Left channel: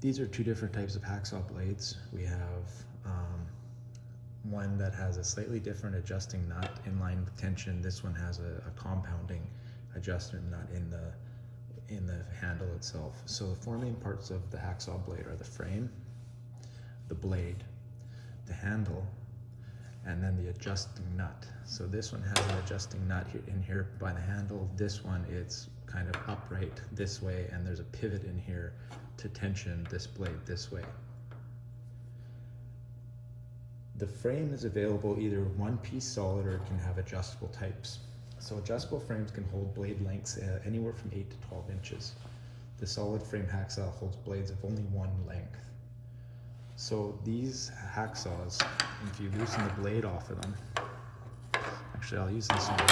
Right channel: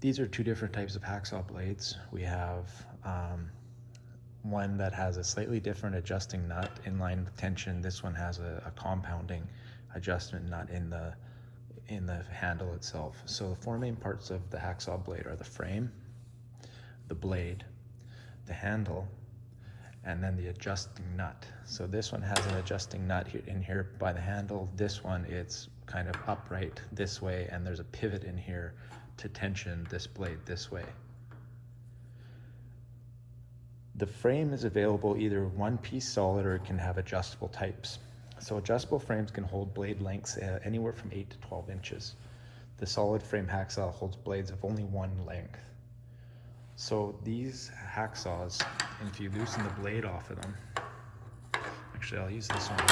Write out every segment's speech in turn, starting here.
These are two different types of hacksaw blades. We have one that has a slightly different adjusting nut in line with tension. This one has a compounding adjustment nut in the handle itself. So the four main parts of the hacksaw blade are the frame, the blade, the handle, and then the adjusting nut. So this one has an adjusting nut in here by the handle. This one, it's kind of upright this way, and there's a pivot in here to tension this blade this way. The frame is available either one piece solid or it can have adjustable types. So adjustable frames can hold blade lengths anywhere from 8 to 12 inches. The solid frame hacksaw holds blades of only one length. So these hacksaws, if you loosen the blade off of them, actually I'll use this one, it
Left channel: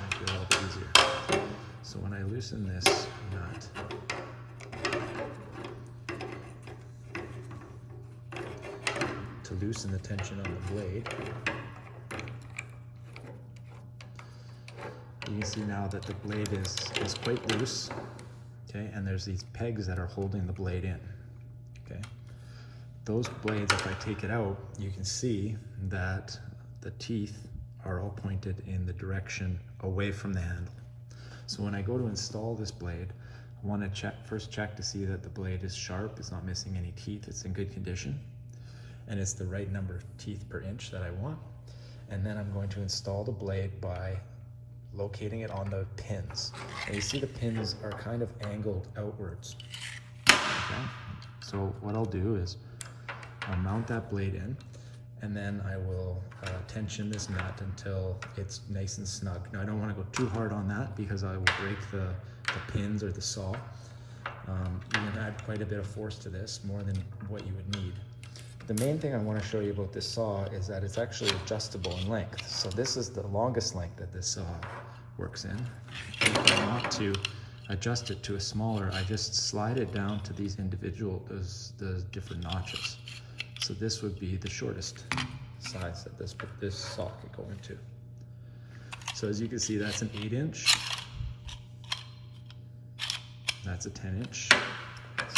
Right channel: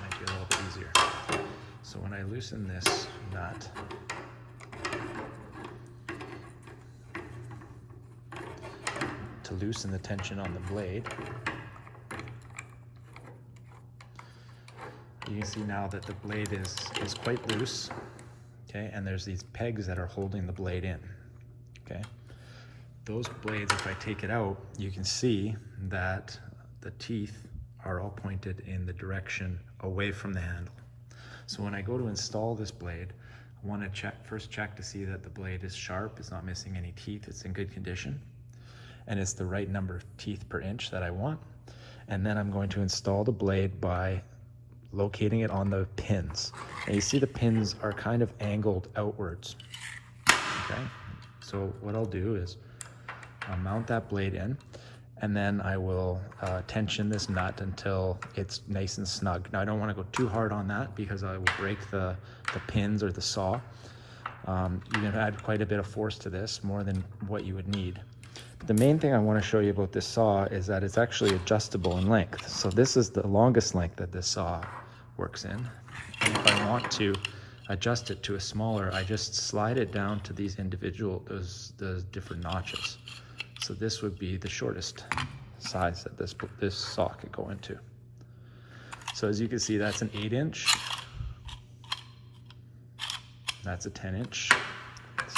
might be a little bit easier. So when I loosen this nut, to loosen the tension on the blade, you can see now that the blade is quite loose, okay, and there's these pegs that are holding the blade in, okay. Those blades, if I take it out, you can see that the teeth are all pointed in the direction away from the handle. So when I go to install this blade, I want to first check to see that the blade is sharp, it's not missing any teeth, it's in good condition, and it's the right number of teeth per inch that I want. And then I'm going to install the blade by locating it on the pins. And you see the pins are kind of angled outwards, okay? So what I'll do is I'll mount that blade in, and then I will tension this nut until it's nice and snug. Now I don't want to go too hard on that because I will break the pins or the saw. You can add quite a bit of force to this, more than what you would need. The main thing I want to show you about this saw is that it's actually adjustable in length. So this is the longest length that this saw works in. And if I want to adjust it to a smaller, I just slide it down to these individual, those different notches. So this would be the shortest size that this saw could go into. So as you can see, that's an 8-inch. That's a 10-inch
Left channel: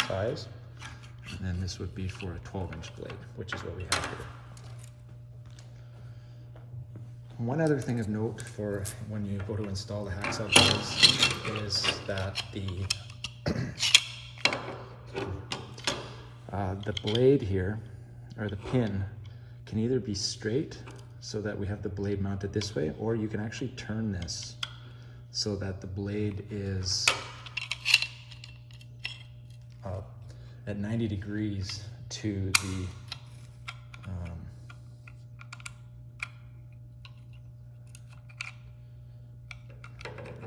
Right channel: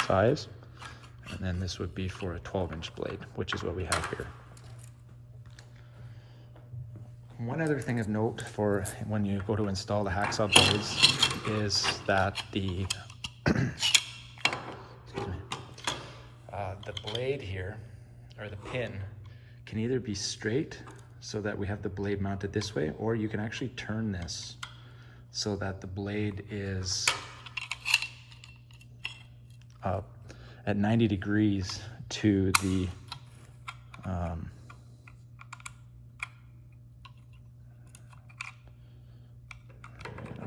size. And then this would be for a 12-inch blade, which is what we have here. One other thing of note for when you go to install the hacksaw blades is that the blade here, or the pin, can either be straight so that we have the blade mounted this way, or you can actually turn this so that the blade is at 90 degrees to the I'll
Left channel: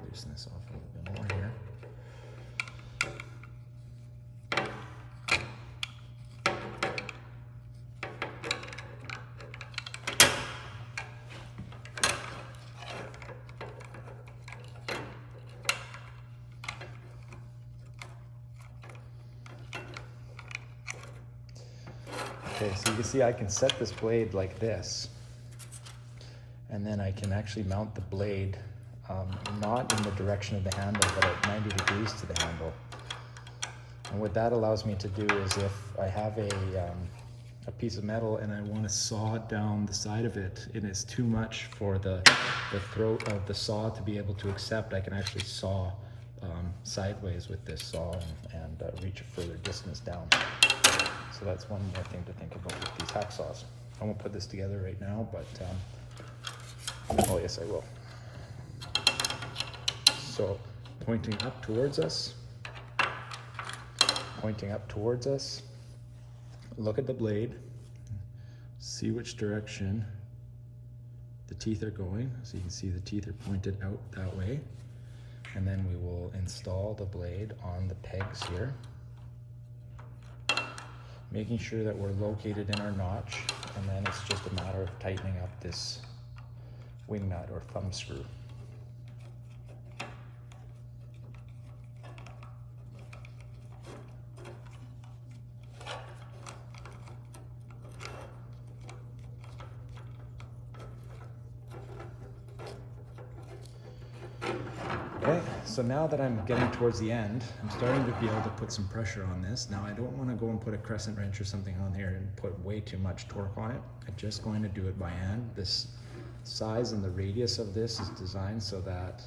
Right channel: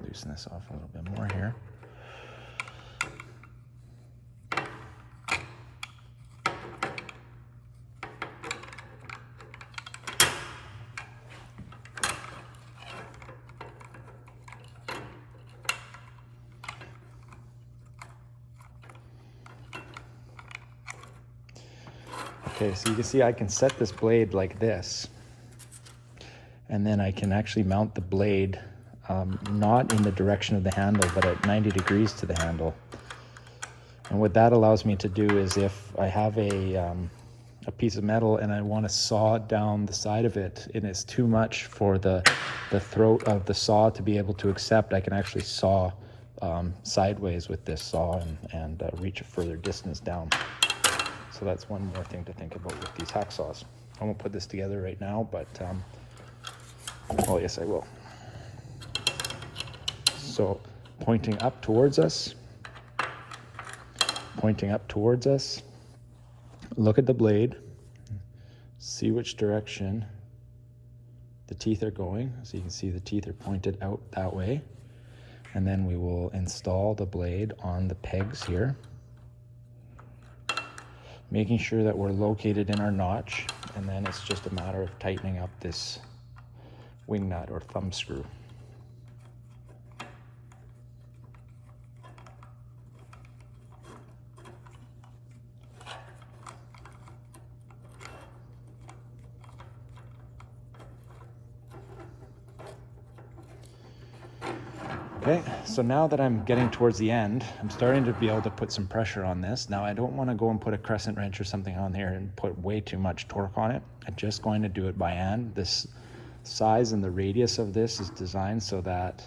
loosen this off a little bit more here. Okay, so you can see I can set this blade like this, and then I can actually mount the blade not in the direction of the handle, but at 90 degrees to the handle. And what that allows me to do is, if I have a piece of metal and I want to saw down the side of it, and it's too much for the throat of the saw to be able to accept, I can actually saw sideways with this saw and reach a further distance down. So that's one more thing to think about with these hacksaws. I won't put this together right now, but well, yes, I will. So pointing up towards us, look at the blade, see which direction the teeth are going. So you can see the teeth are pointed out that way. And then we will install the blade on the pegs here, making sure that we're located in our notch, and then it's just a matter of tightening up this wing nut or thumb screw. Okay, so now that I'm getting towards the end, I'm starting to be able to put some pressure on this. Now I don't want to go and put a crescent wrench or something on there and put way too much torque on it. I'm just going to do it by hand. This size and the radius of this is designed so that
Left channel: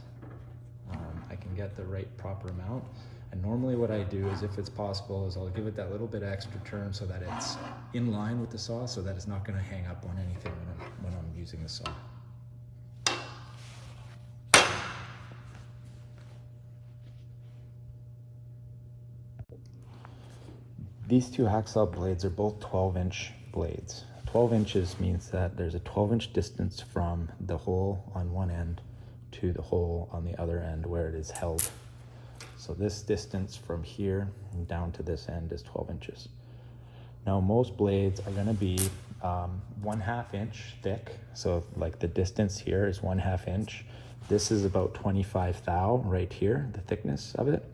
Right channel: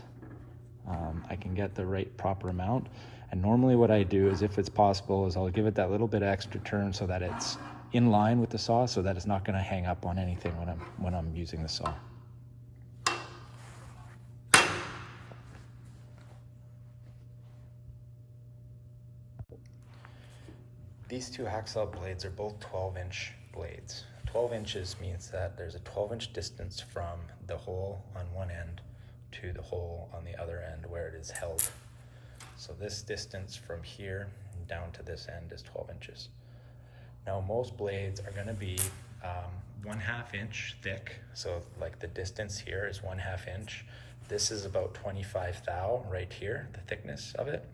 I can get the right proper amount. And normally what I do is, if it's possible, is I'll give it that little bit of extra turn so that it's in line with the saw, so that it's not going to hang up on anything when I'm using the saw. These two hacksaw blades are both 12-inch blades. 12 inches means that there's a 12-inch distance from the hole on one end to the hole on the other end where it is held. So this distance from here down to this end is 12 inches. Now most blades are going to be 1/2 inch thick. So like the distance here is 1/2 inch. This is about 25 thou right here, the thickness of it.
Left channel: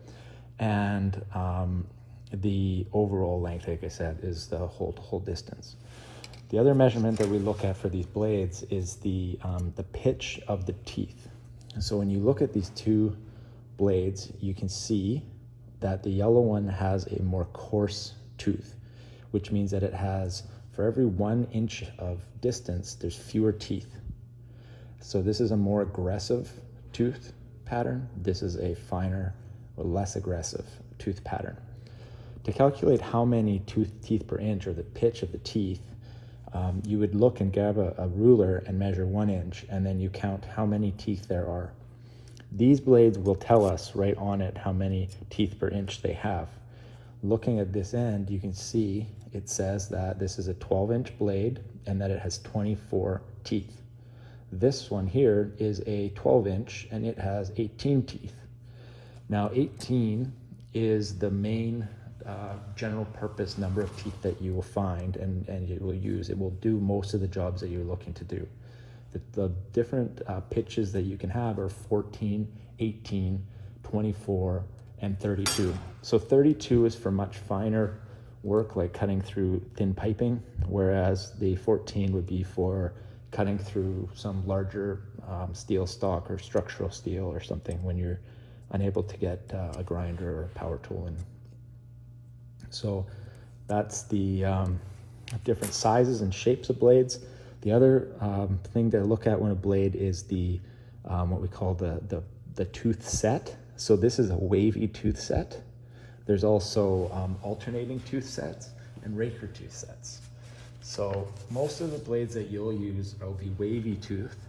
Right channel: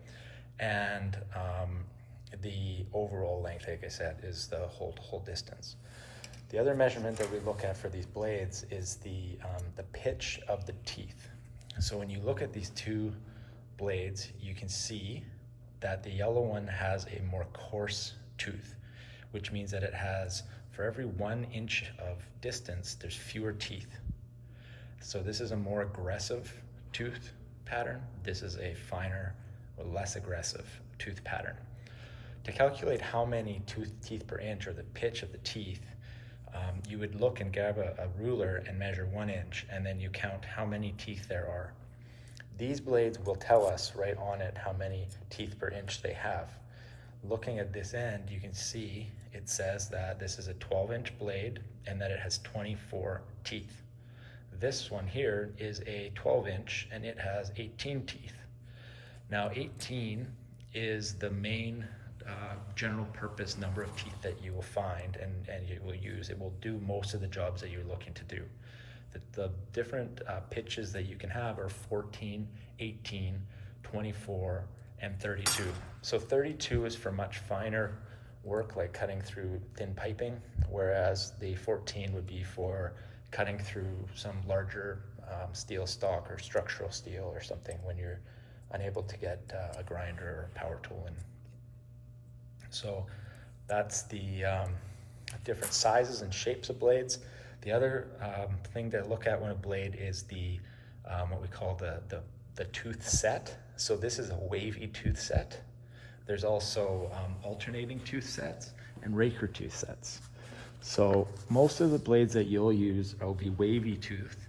And the overall length, like I said, is the whole distance. The other measurement that we look at for these blades is the pitch of the teeth. And so when you look at these two blades, you can see that the yellow one has a more coarse tooth, which means that it has, for every 1 inch of distance, there's fewer teeth. So this is a more aggressive tooth pattern. This is a finer or less aggressive tooth pattern. To calculate how many teeth per inch, or the pitch of the teeth, you would look and grab a ruler and measure 1 inch, and then you count how many teeth there are. These blades will tell us right on it how many teeth per inch they have. Looking at this end, you can see it says that this is a 12-inch blade and that it has 24 teeth. This one here is a 12-inch and it has 18 teeth. Now 18 is the main general purpose number of teeth that you will find and you will use. It will do most of the jobs that you're looking to do. The different pitches that you can have are 14, 18, 24, and 32. So 32 is for much finer work, like cutting through thin piping, whereas the 14 would be for cutting through some larger steel stock or structural steel or something when you're unable to get a grinder or a power tool in. So that's the different sizes and shapes of blades. The other thing to look at when a blade is the what we call the tooth set. So this is a wavy tooth set. There's also alternating tooth sets and raker tooth sets. So most of the blades that you'll use will be wavy tooth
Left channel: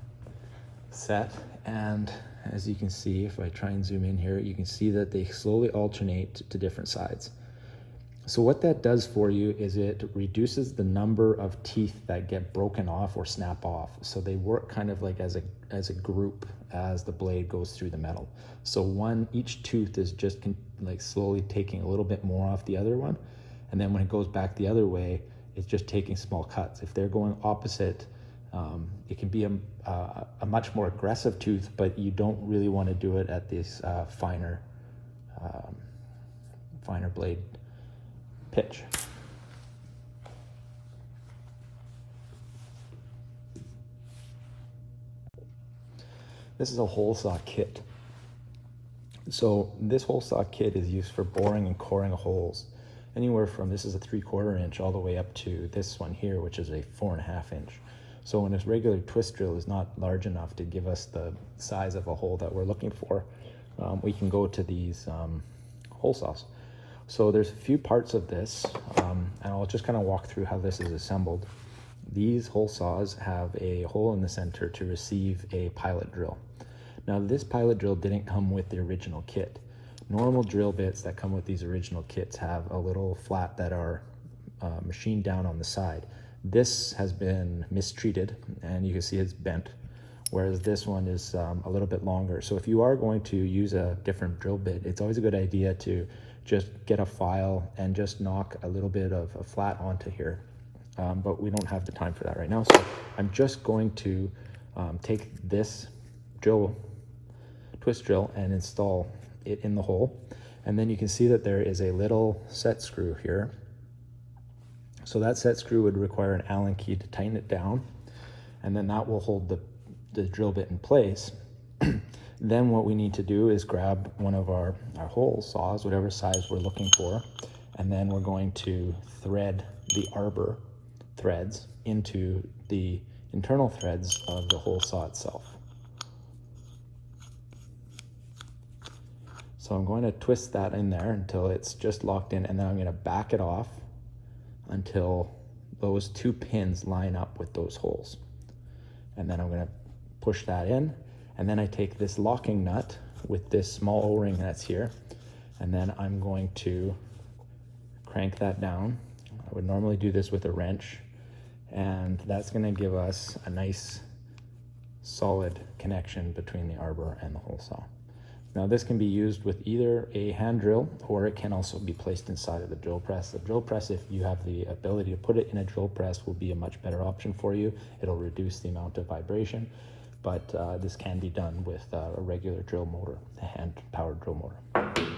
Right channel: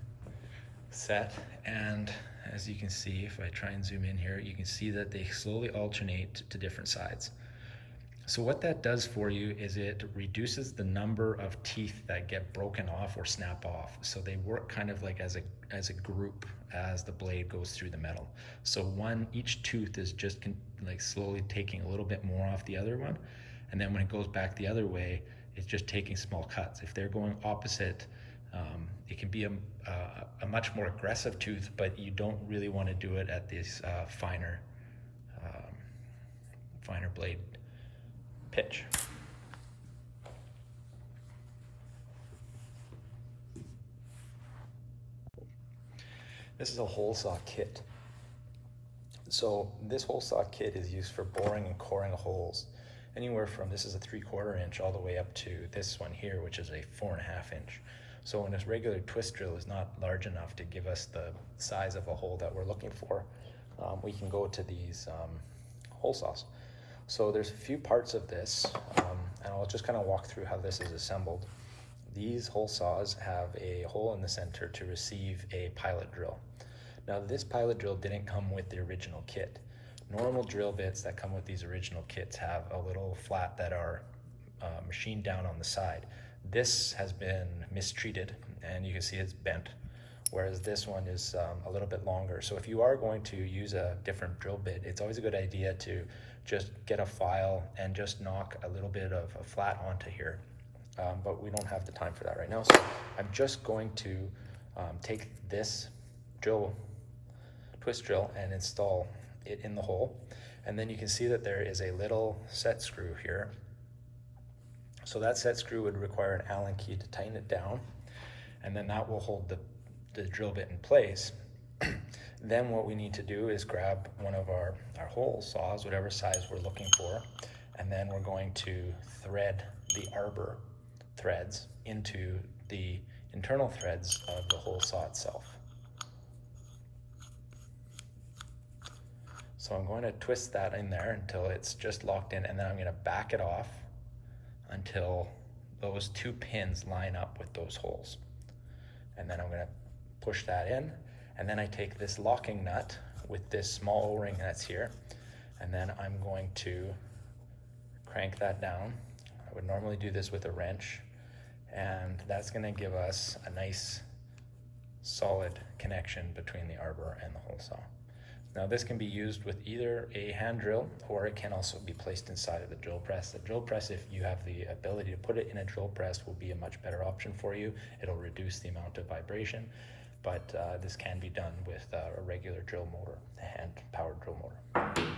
set, and as you can see, if I try and zoom in here, you can see that they slowly alternate to different sides. So what that does for you is it reduces the number of teeth that get broken off or snap off. So they work kind of like as a group as the blade goes through the metal. So each tooth is just like slowly taking a little bit more off the other one, and then when it goes back the other way, it's just taking small cuts. If they're going opposite, it can be a much more aggressive tooth, but you don't really want to do it at this finer blade pitch. This is a hole saw kit. So this hole saw kit is used for boring and coring holes. Anywhere from, this is a 3/4 inch all the way up to this one here, which is a 4.5 inch. So when this regular twist drill is not large enough to give us the size of a hole that we're looking for, we can go to these hole saws. So there's a few parts of this, and I'll just kind of walk through how this is assembled. These hole saws have a hole in the center to receive a pilot drill. Now this pilot drill didn't come with the original kit. Normal drill bits that come with these original kits have a little flap that are machined down on the side. This has been mistreated and you can see it's bent, whereas this one is a little bit longer. So if you are going to use a different drill bit, it's always a good idea to just get a file and just knock a little bit of a flat onto here. But we don't have the time for that right now. So I'm just going to take this twist drill and install it in the hole. And then you can see that there is a little set screw here. So that set screw would require an Allen key to tighten it down. And then that will hold the drill bit in place. Then what we need to do is grab one of our hole saws, whatever size we're looking for, and then we're going to thread the arbor threads into the internal threads of the hole saw itself. So I'm going to twist that in there until it's just locked in, and then I'm going to back it off until those two pins line up with those holes. And then I'm going to push that in, and then I take this locking nut with this small O-ring that's here, and then I'm going to crank that down. I would normally do this with a wrench, and that's going to give us a nice solid connection between the arbor and the hole saw. Now this can be used with either a hand drill, or it can also be placed inside of the drill press. The drill press, if you have the ability to put it in a drill press, will be a much better option for you. It'll reduce the amount of vibration, but this can be done with a regular drill motor, a hand-powered drill motor.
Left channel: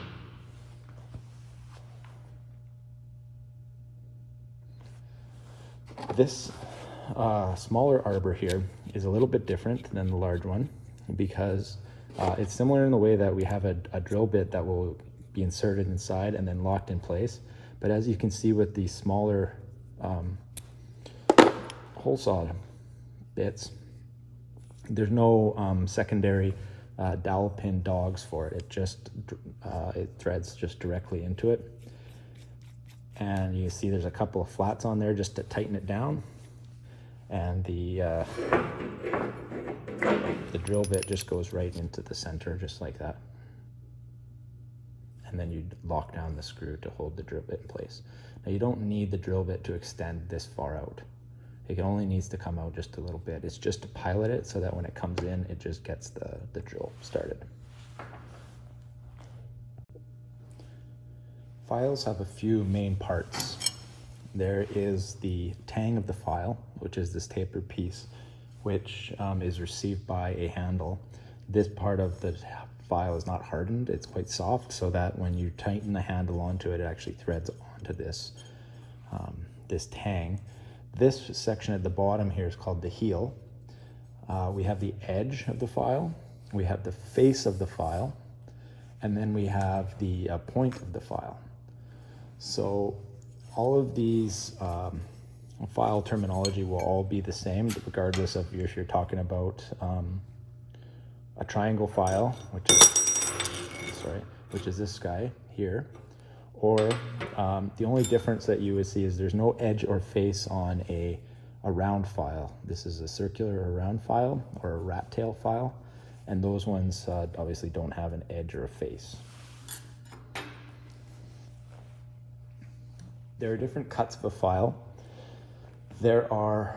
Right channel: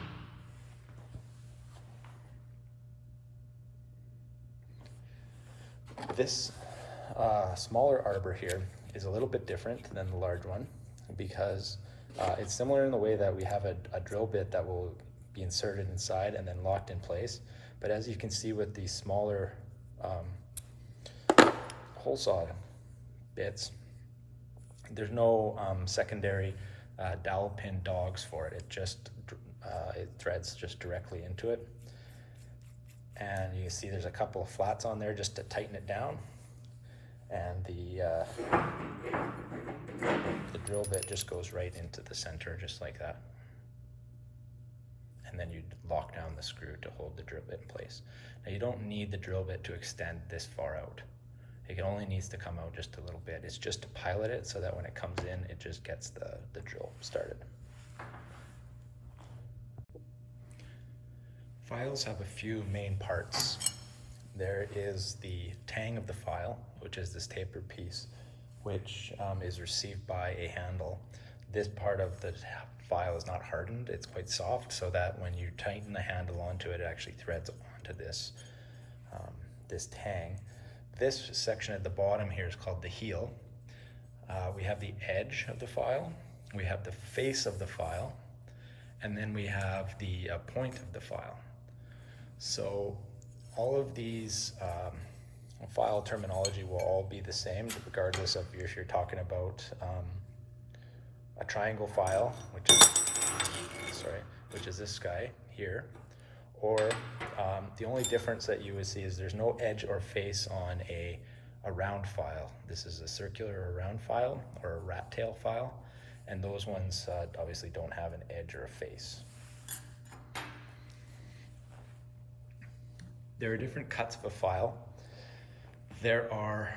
This smaller arbor here is a little bit different than the large one because it's similar in the way that we have a drill bit that will be inserted inside and then locked in place. But as you can see with the smaller hole saw bits, there's no secondary dowel pin dogs for it. It threads just directly into it. And you see there's a couple of flats on there just to tighten it down. And the drill bit just goes right into the center, just like that. And then you lock down the screw to hold the drill bit in place. Now you don't need the drill bit to extend this far out. It only needs to come out just a little bit. It's just to pilot it so that when it comes in, it just gets the drill started. Files have a few main parts. There is the tang of the file, which is this tapered piece, which is received by a handle. This part of the file is not hardened, it's quite soft, so that when you tighten the handle onto it, it actually threads onto this, this tang. This section at the bottom here is called the heel. We have the edge of the file, we have the face of the file, and then we have the point of the file. So all of these file terminology will all be the same, regardless of if you're talking about a triangle file, which is this guy here, or the only difference that you would see is there's no edge or face on a round file. This is a circular or round file, or a rat tail file, and those ones obviously don't have an edge or a face. There are different cuts of a file. There are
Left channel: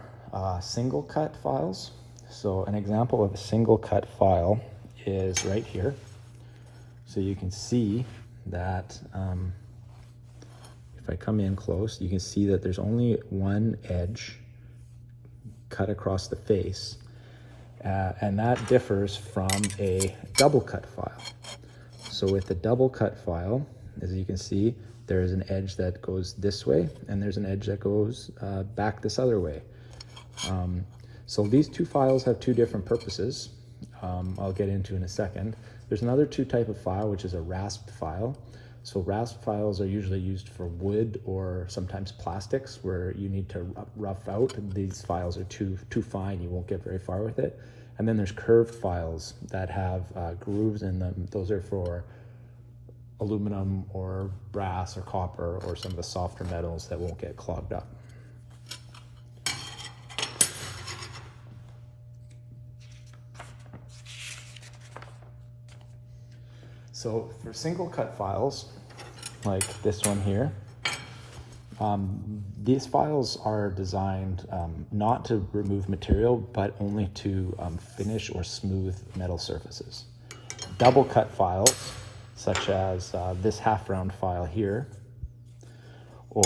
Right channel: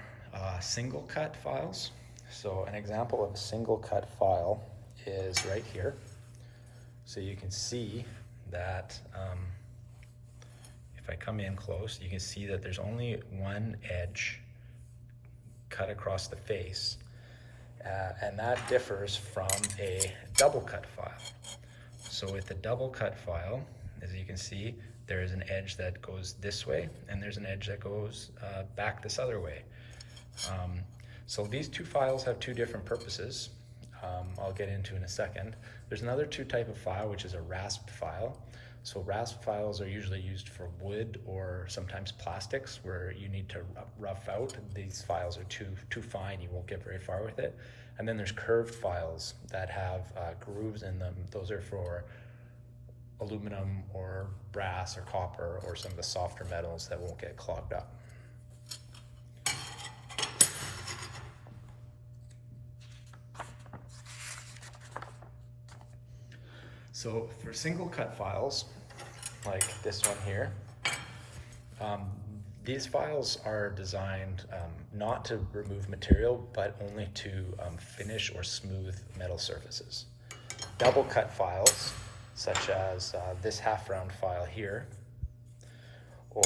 single cut files. So an example of a single cut file is right here. So you can see that if I come in close, you can see that there's only one edge cut across the face. And that differs from a double cut file. So with the double cut file, as you can see, there is an edge that goes this way, and there's an edge that goes back this other way. So these two files have two different purposes. I'll get into in a second. There's another type of file, which is a rasped file. So rasped files are usually used for wood or sometimes plastics, where you need to rough out. These files are too fine, you won't get very far with it. And then there's curved files that have grooves in them. Those are for aluminum or brass or copper or some of the softer metals that won't get clogged up. So for single cut files, like this one here, these files are designed not to remove material, but only to finish or smooth metal surfaces. Double cut files, such as this half round file here, or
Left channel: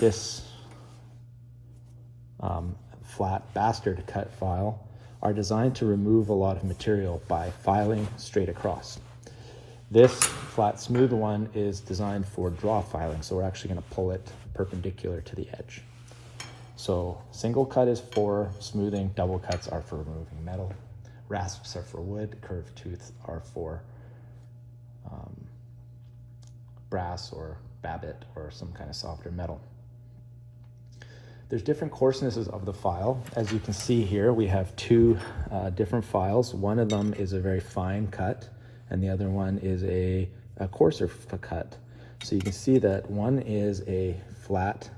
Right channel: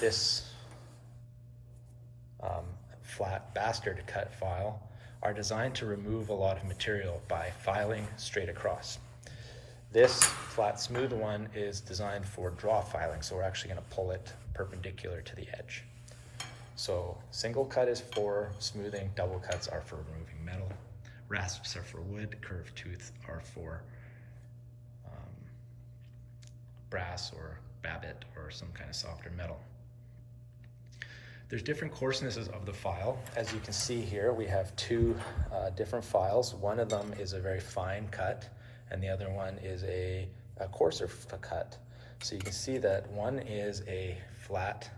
this flat bastard cut file, are designed to remove a lot of material by filing straight across. This flat smooth one is designed for draw filing, so we're actually going to pull it perpendicular to the edge. So single cut is for smoothing, double cuts are for removing metal. rasps are for wood, curved tooth are for brass or babbitt or some kind of softer metal. There's different coarsenesses of the file. As you can see here, we have two different files. One of them is a very fine cut, and the other one is a coarser cut. So you can see that one is a flat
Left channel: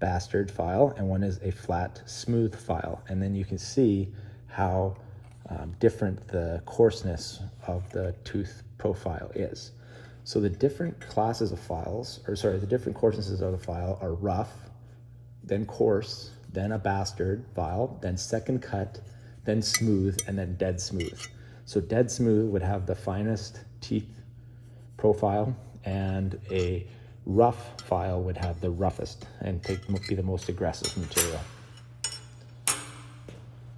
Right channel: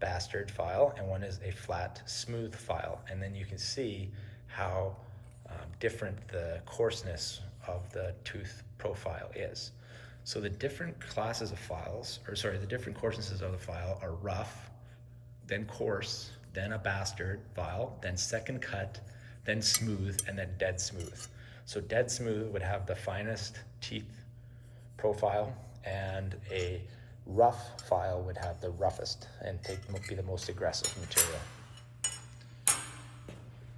bastard file and one is a flat smooth file. And then you can see how different the coarseness of the tooth profile is. So the different classes of files, or sorry, the different coarsenesses of the file are rough, then coarse, then a bastard file, then second cut, then smooth, and then dead smooth. So dead smooth would have the finest teeth profile, and a rough file would have the roughest and be the most aggressive material.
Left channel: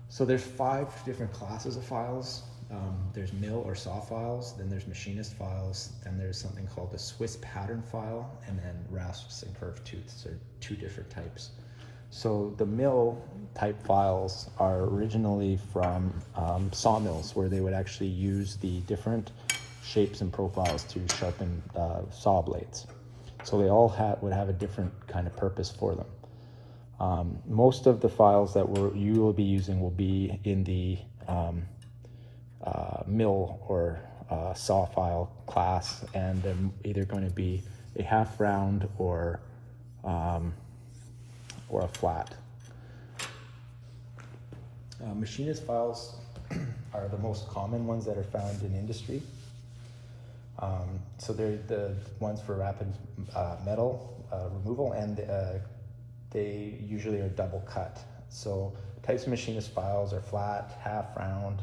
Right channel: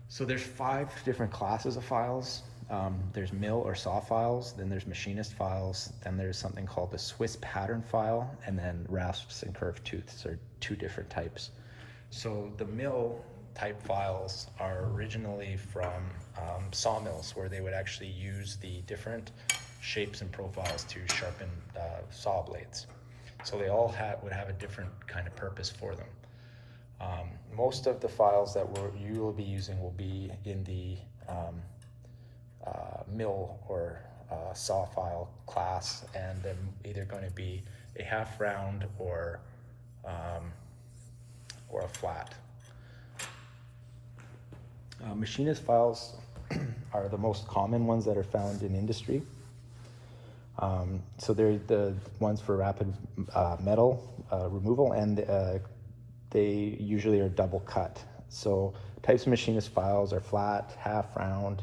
So there's 5 different classes of files. There's mill or saw files, then there's machinist files, then there's something called the Swiss pattern file, and then rasps and curved tooths are 2 different types. So the mill type files are originally from sawmills, where they would actually use the different shapes and profiles to sharpen saw blades. So they all would have a different kind of purpose for them. Most of the files that you will be using will be in the mill or saw file class, and they're either going to be a half round or a flat. Machinist files are the most common ones that are found in industry. So they're the ones for rapid metal removal, and they usually are double cut. So types of machinist files are flat, half round,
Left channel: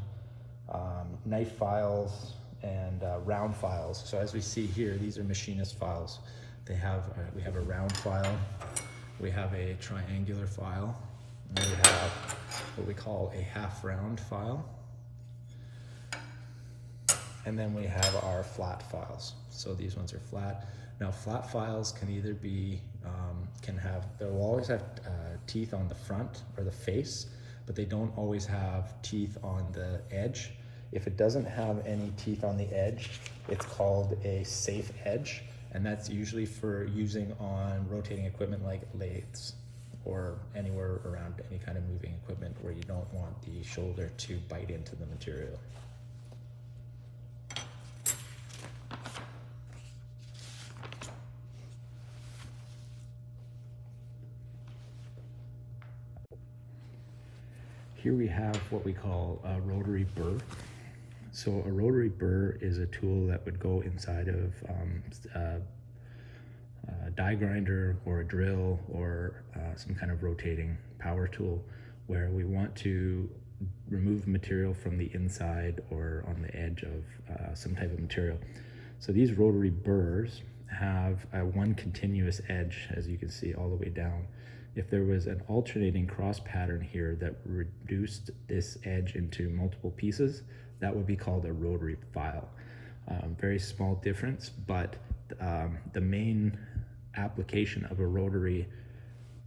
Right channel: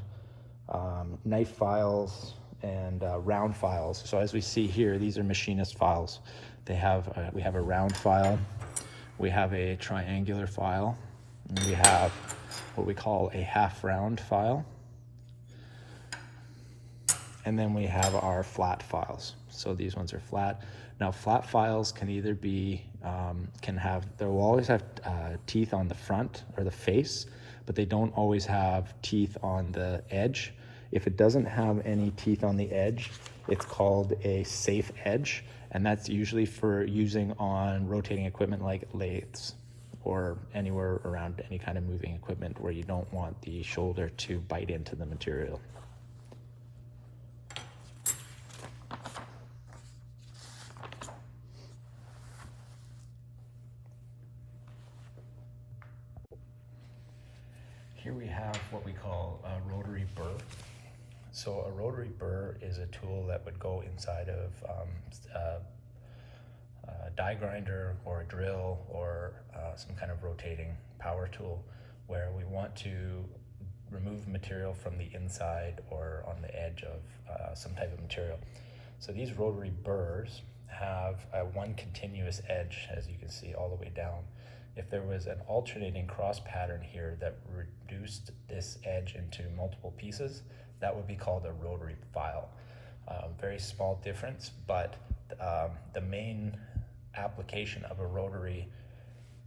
knife files, and round files. So as we see here, these are machinist files. We have a round file, we have a triangular file, and we have what we call a half round file, and then we have our flat files. So these ones are flat. Now flat files can either be, they will always have teeth on the front or the face, but they don't always have teeth on the edge. If it doesn't have any teeth on the edge, it's called a safe edge, and that's usually for using on rotating equipment like lathes or anywhere around any kind of moving equipment where you don't want the shoulder to bite into the material. Here we have what we call a rotary burr. So a rotary burr is a tool that would go inside of a die grinder or a drill or some kind of rotating power tool, where we want to remove material from the inside or on the edge of some type of material. So these rotary burrs have one continuous edge, as you can see, all the way down. If there was an alternating cross pattern here that reduced this edge into multiple pieces, that would be called a rotary file. Very small difference, but the main application of a rotary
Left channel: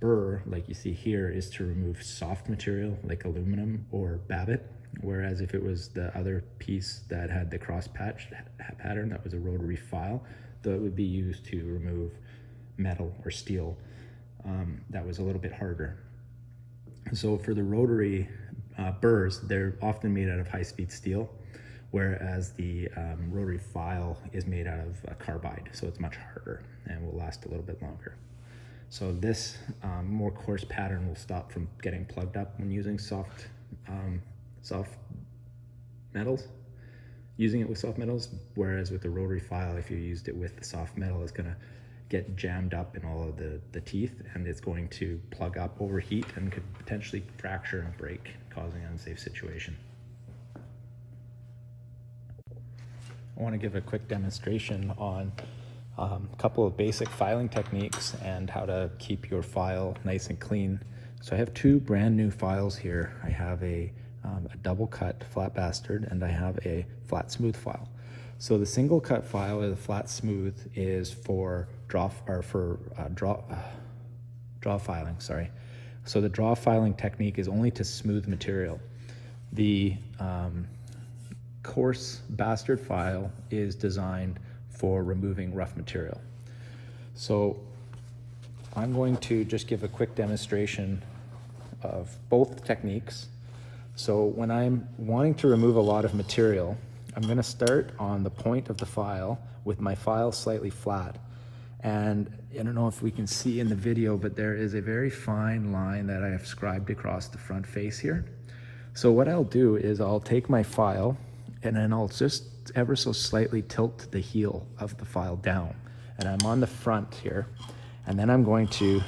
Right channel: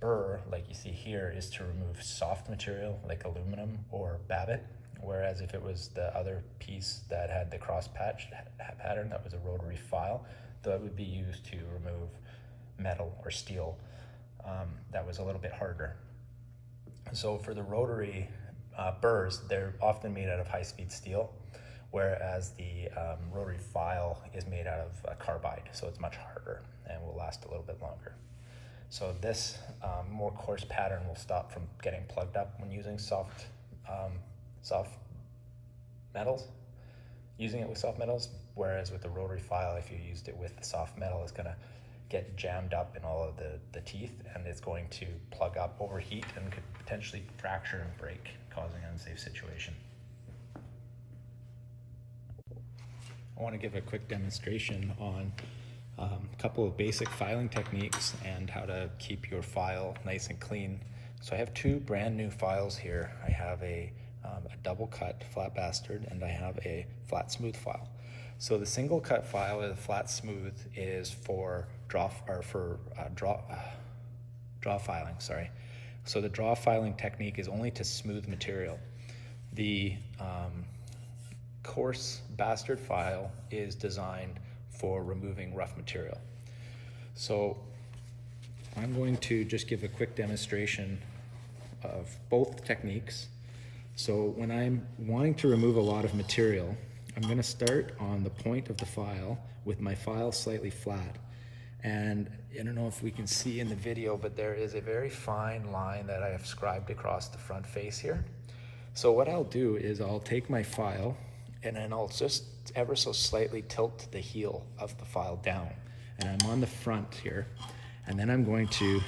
burr, like you see here, is to remove soft material like aluminum or babbitt, whereas if it was the other piece that had the cross patch pattern, that was a rotary file, that would be used to remove metal or steel. That was a little bit harder. So for the rotary burrs, they're often made out of high-speed steel, whereas the rotary file is made out of carbide, so it's much harder and will last a little bit longer. So this more coarse pattern will stop from getting plugged up when using soft metals, using it with soft metals, whereas with the rotary file, if you used it with the soft metal, it's gonna get jammed up in all of the teeth, and it's going to plug up, overheat, and could potentially fracture and break, causing an unsafe situation. I want to give a quick demonstration on a couple of basic filing techniques and how to keep your file nice and clean. So I have 2 brand new files here. I have a double cut flat bastard, and I have a flat smooth file. So the single cut file with a flat smooth is for draw filing, sorry. So the draw filing technique is only to smooth material. the coarse bastard file is designed for removing rough material. So I'm going to just give a quick demonstration of both techniques. So when I'm wanting to remove a lot of material, I'm going to start on the point of the file with my file slightly flat. And I don't know if we can see in the video, but there is a very fine line that I have scribed across the front face here. So what I'll do is I'll take my file and then I'll just ever so slightly tilt the heel of the file down. And I'm on the front here. And then I'm going to,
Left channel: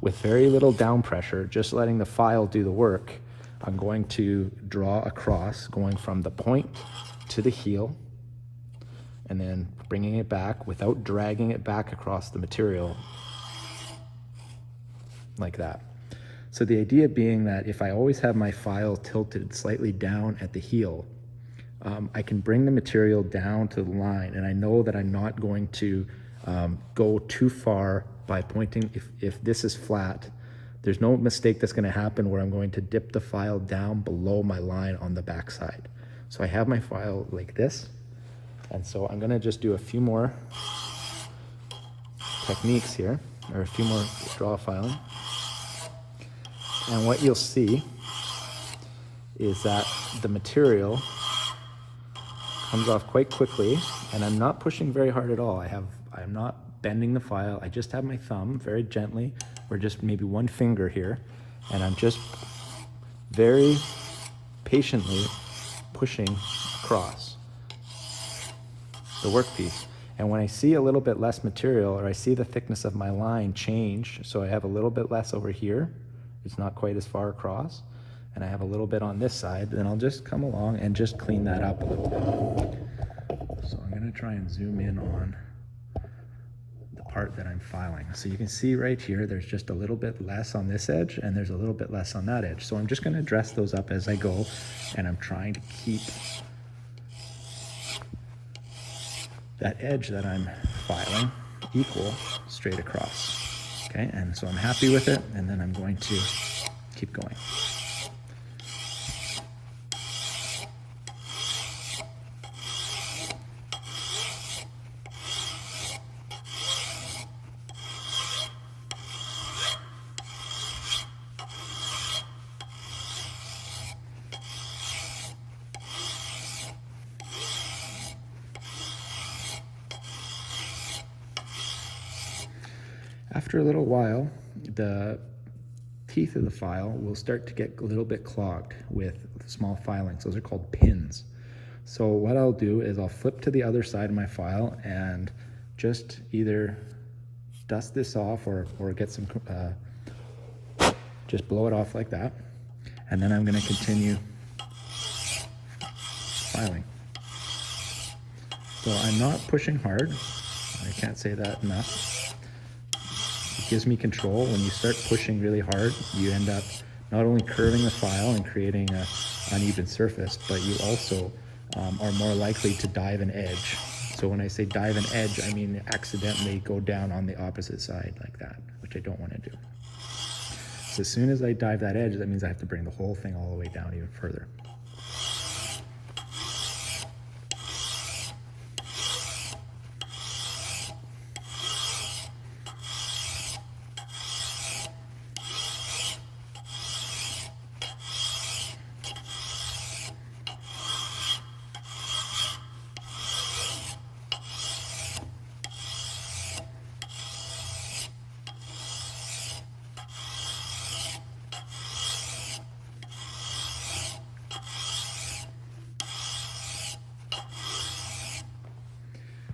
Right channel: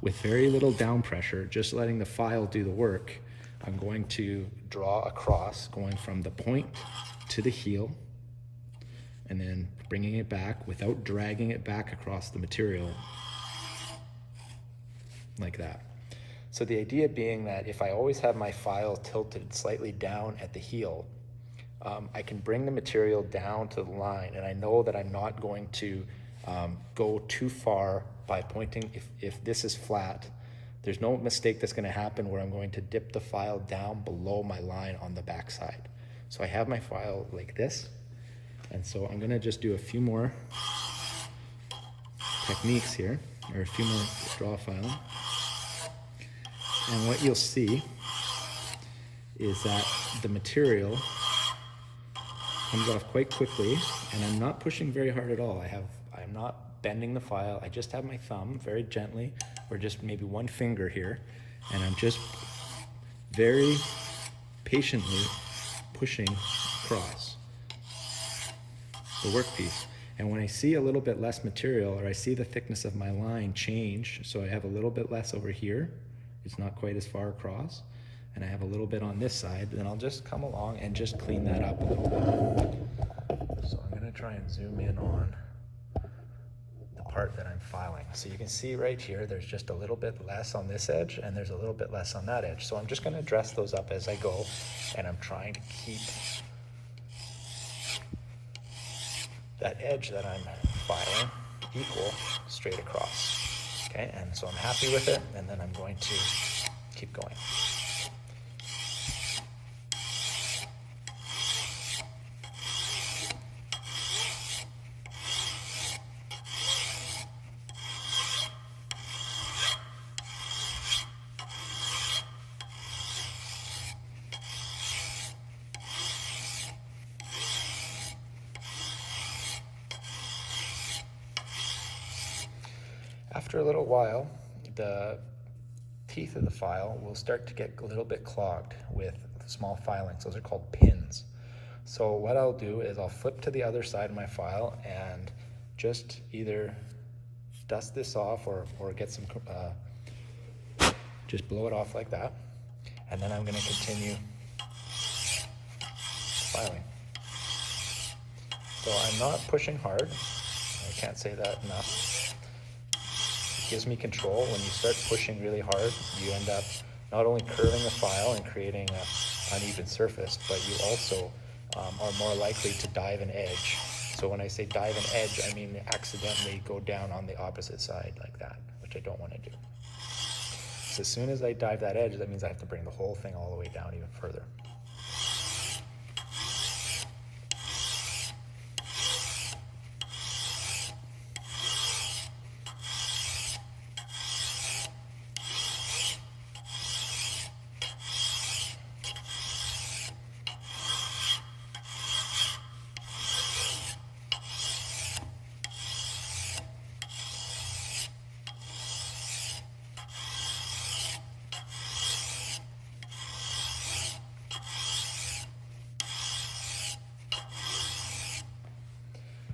with very little down pressure, just letting the file do the work, I'm going to draw across, going from the point to the heel, and then bringing it back without dragging it back across the material, like that. So the idea being that if I always have my file tilted slightly down at the heel, I can bring the material down to the line, and I know that I'm not going to go too far by pointing. If this is flat, there's no mistake that's going to happen where I'm going to dip the file down below my line on the back side. So I have my file like this, and so I'm going to just do a few more techniques here, or a few more draw filing. And what you'll see is that the material comes off quite quickly, and I'm not pushing very hard at all. I'm not bending the file. I just have my thumb very gently, or just maybe one finger here, and I'm just very patiently pushing across the workpiece. And when I see a little bit less material, or I see the thickness of my line change, so I have a little bit less over here, it's not quite as far across, and I have a little bit on this side, then I'll just come along and just clean that up a little bit. So I'm going to try and zoom in on the part that I'm filing. So you can see right here, there's just a little bit less on this edge, and there's a little bit less on that edge. So I'm just going to dress those up as I go, and I'm trying to keep that edge that I'm filing equal straight across. Okay, and so I'm happy with it, and then I'm going to keep going. After a little while, the teeth of the file will start to get a little bit clogged with small filings. Those are called pins. So what I'll do is I'll flip to the other side of my file and just either dust this off or get some, just blow it off like that. And then I'm going to continue filing. So I'm not pushing hard. I can't say that enough. Gives me control. When you start pushing really hard, you end up not only curving the file and creating an uneven surface, but you also are more likely to dive an edge. So when I say dive an edge, I mean accidentally go down on the opposite side like that, which I don't want to do. So as soon as I dive that edge, that means I have to bring the whole thing all the way down even further.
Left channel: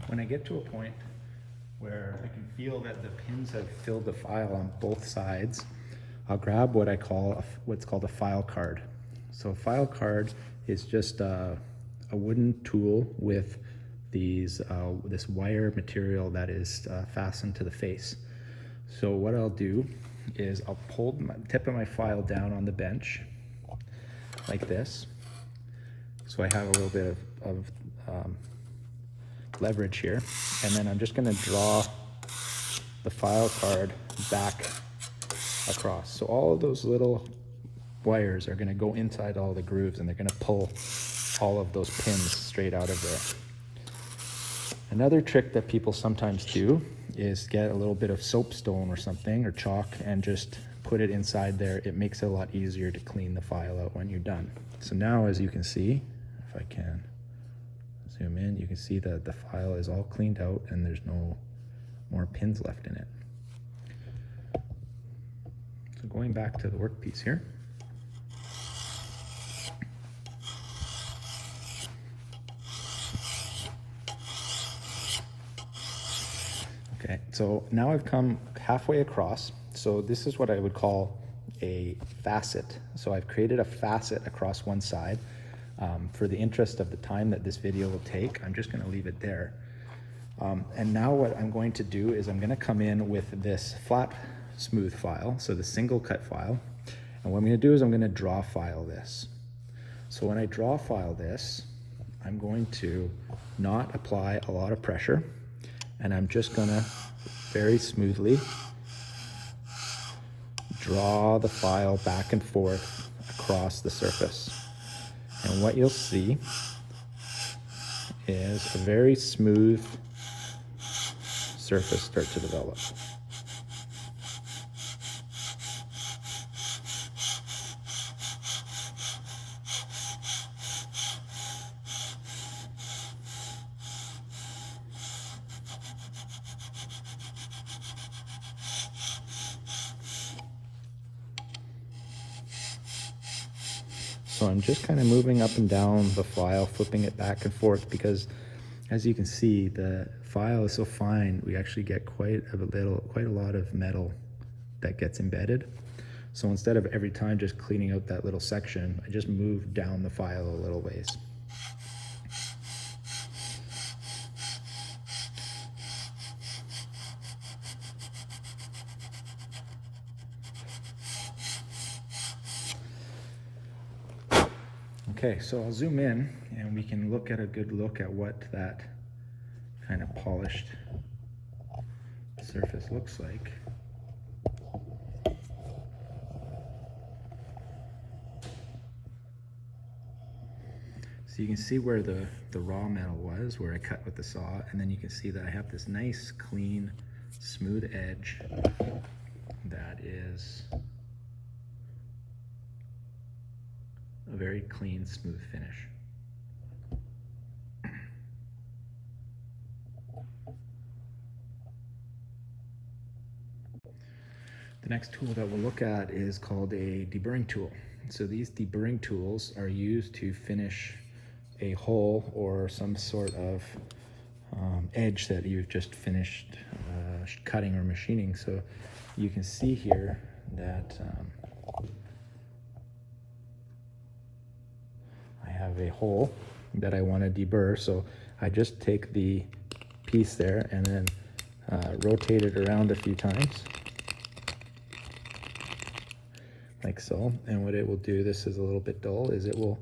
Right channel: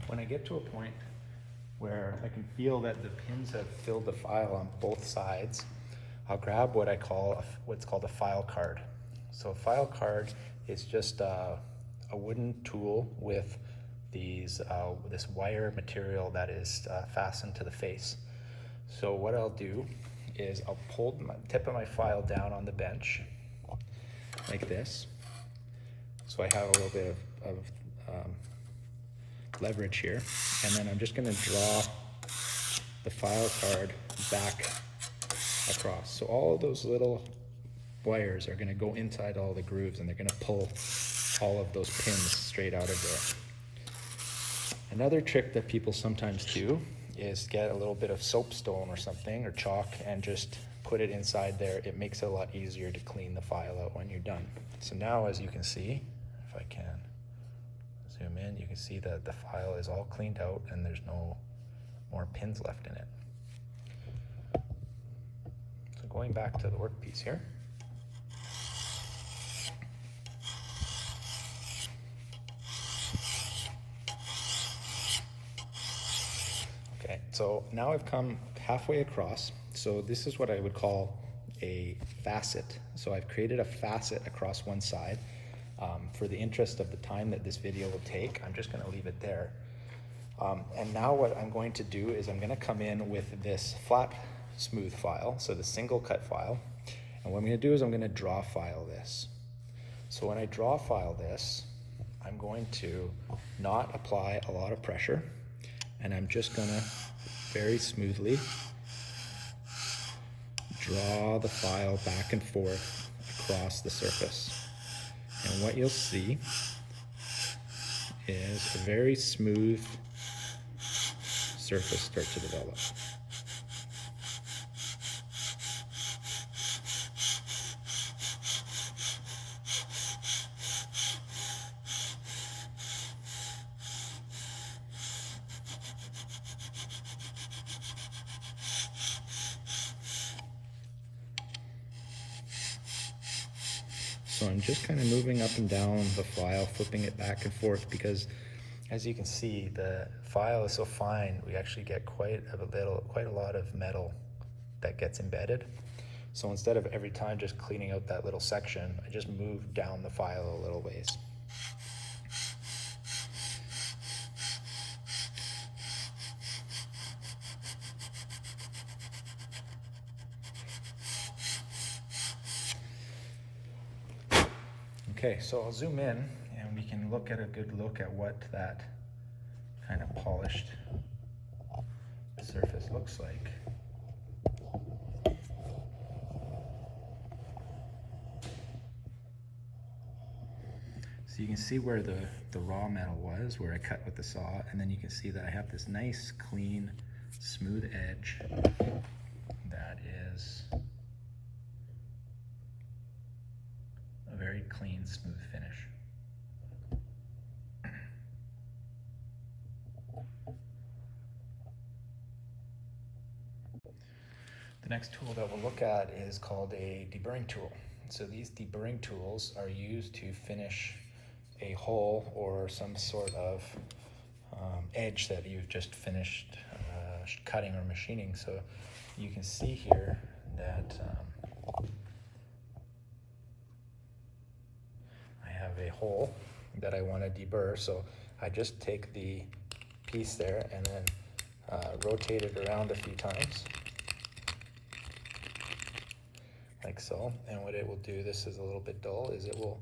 When I get to a point where I can feel that the pins have filled the file on both sides, I'll grab what I call what's called a file card. So a file card is just a wooden tool with these this wire material that is fastened to the face. So what I'll do is I'll pull the tip of my file down on the bench like this. So I have a little bit of leverage here, and then I'm just going to draw the file card back across. So all of those little wires are going to go inside all the grooves, and they're going to pull all of those pins straight out of there. Another trick that people sometimes do is get a little bit of soapstone or something, or chalk, and just put it inside there. It makes it a lot easier to clean the file out when you're done. So now, as you can see, if I can zoom in, you can see that the file is all cleaned out and there's no more pins left in it. So going back to the workpiece here. Okay, so now I've come halfway across. So this is what I would call a facet. So I've created a facet across one side. For the interest of the time that this video will take, I'm just going to leave it there. And now what I'm going to do is I'm going to come in with this flat smooth file, so the single cut file. And what I'm going to do is I'm going to draw file this. So when I draw file this, I'm going to not apply a lot of pressure, and I'm just going to very smoothly draw the file back and forth across the surface. And what you'll see is a very smooth surface start to develop. So I'm just kind of moving up and down the file, flipping it back and forth, because as you can see, the file is so fine, we actually get quite a lot of metal that gets embedded. So instead of every time just cleaning out that little section, I just move down the file a little ways. Okay, so I'll zoom in and we can look at a good look at what that kind of polished surface looks like. So you can see where the raw metal was, where I cut with the saw, and then you can see that I have this nice, clean, smooth edge that is a very clean, smooth finish. The next tool that we'll look at is called a deburring tool. So these deburring tools are used to finish a hole or some sort of edge that you've just finished cutting or machining. So you can see here that I have a hole that I want to deburr. So I just take the piece there and then rotate it around a few times, like so. And what it will do, this is a little bit dull, is it will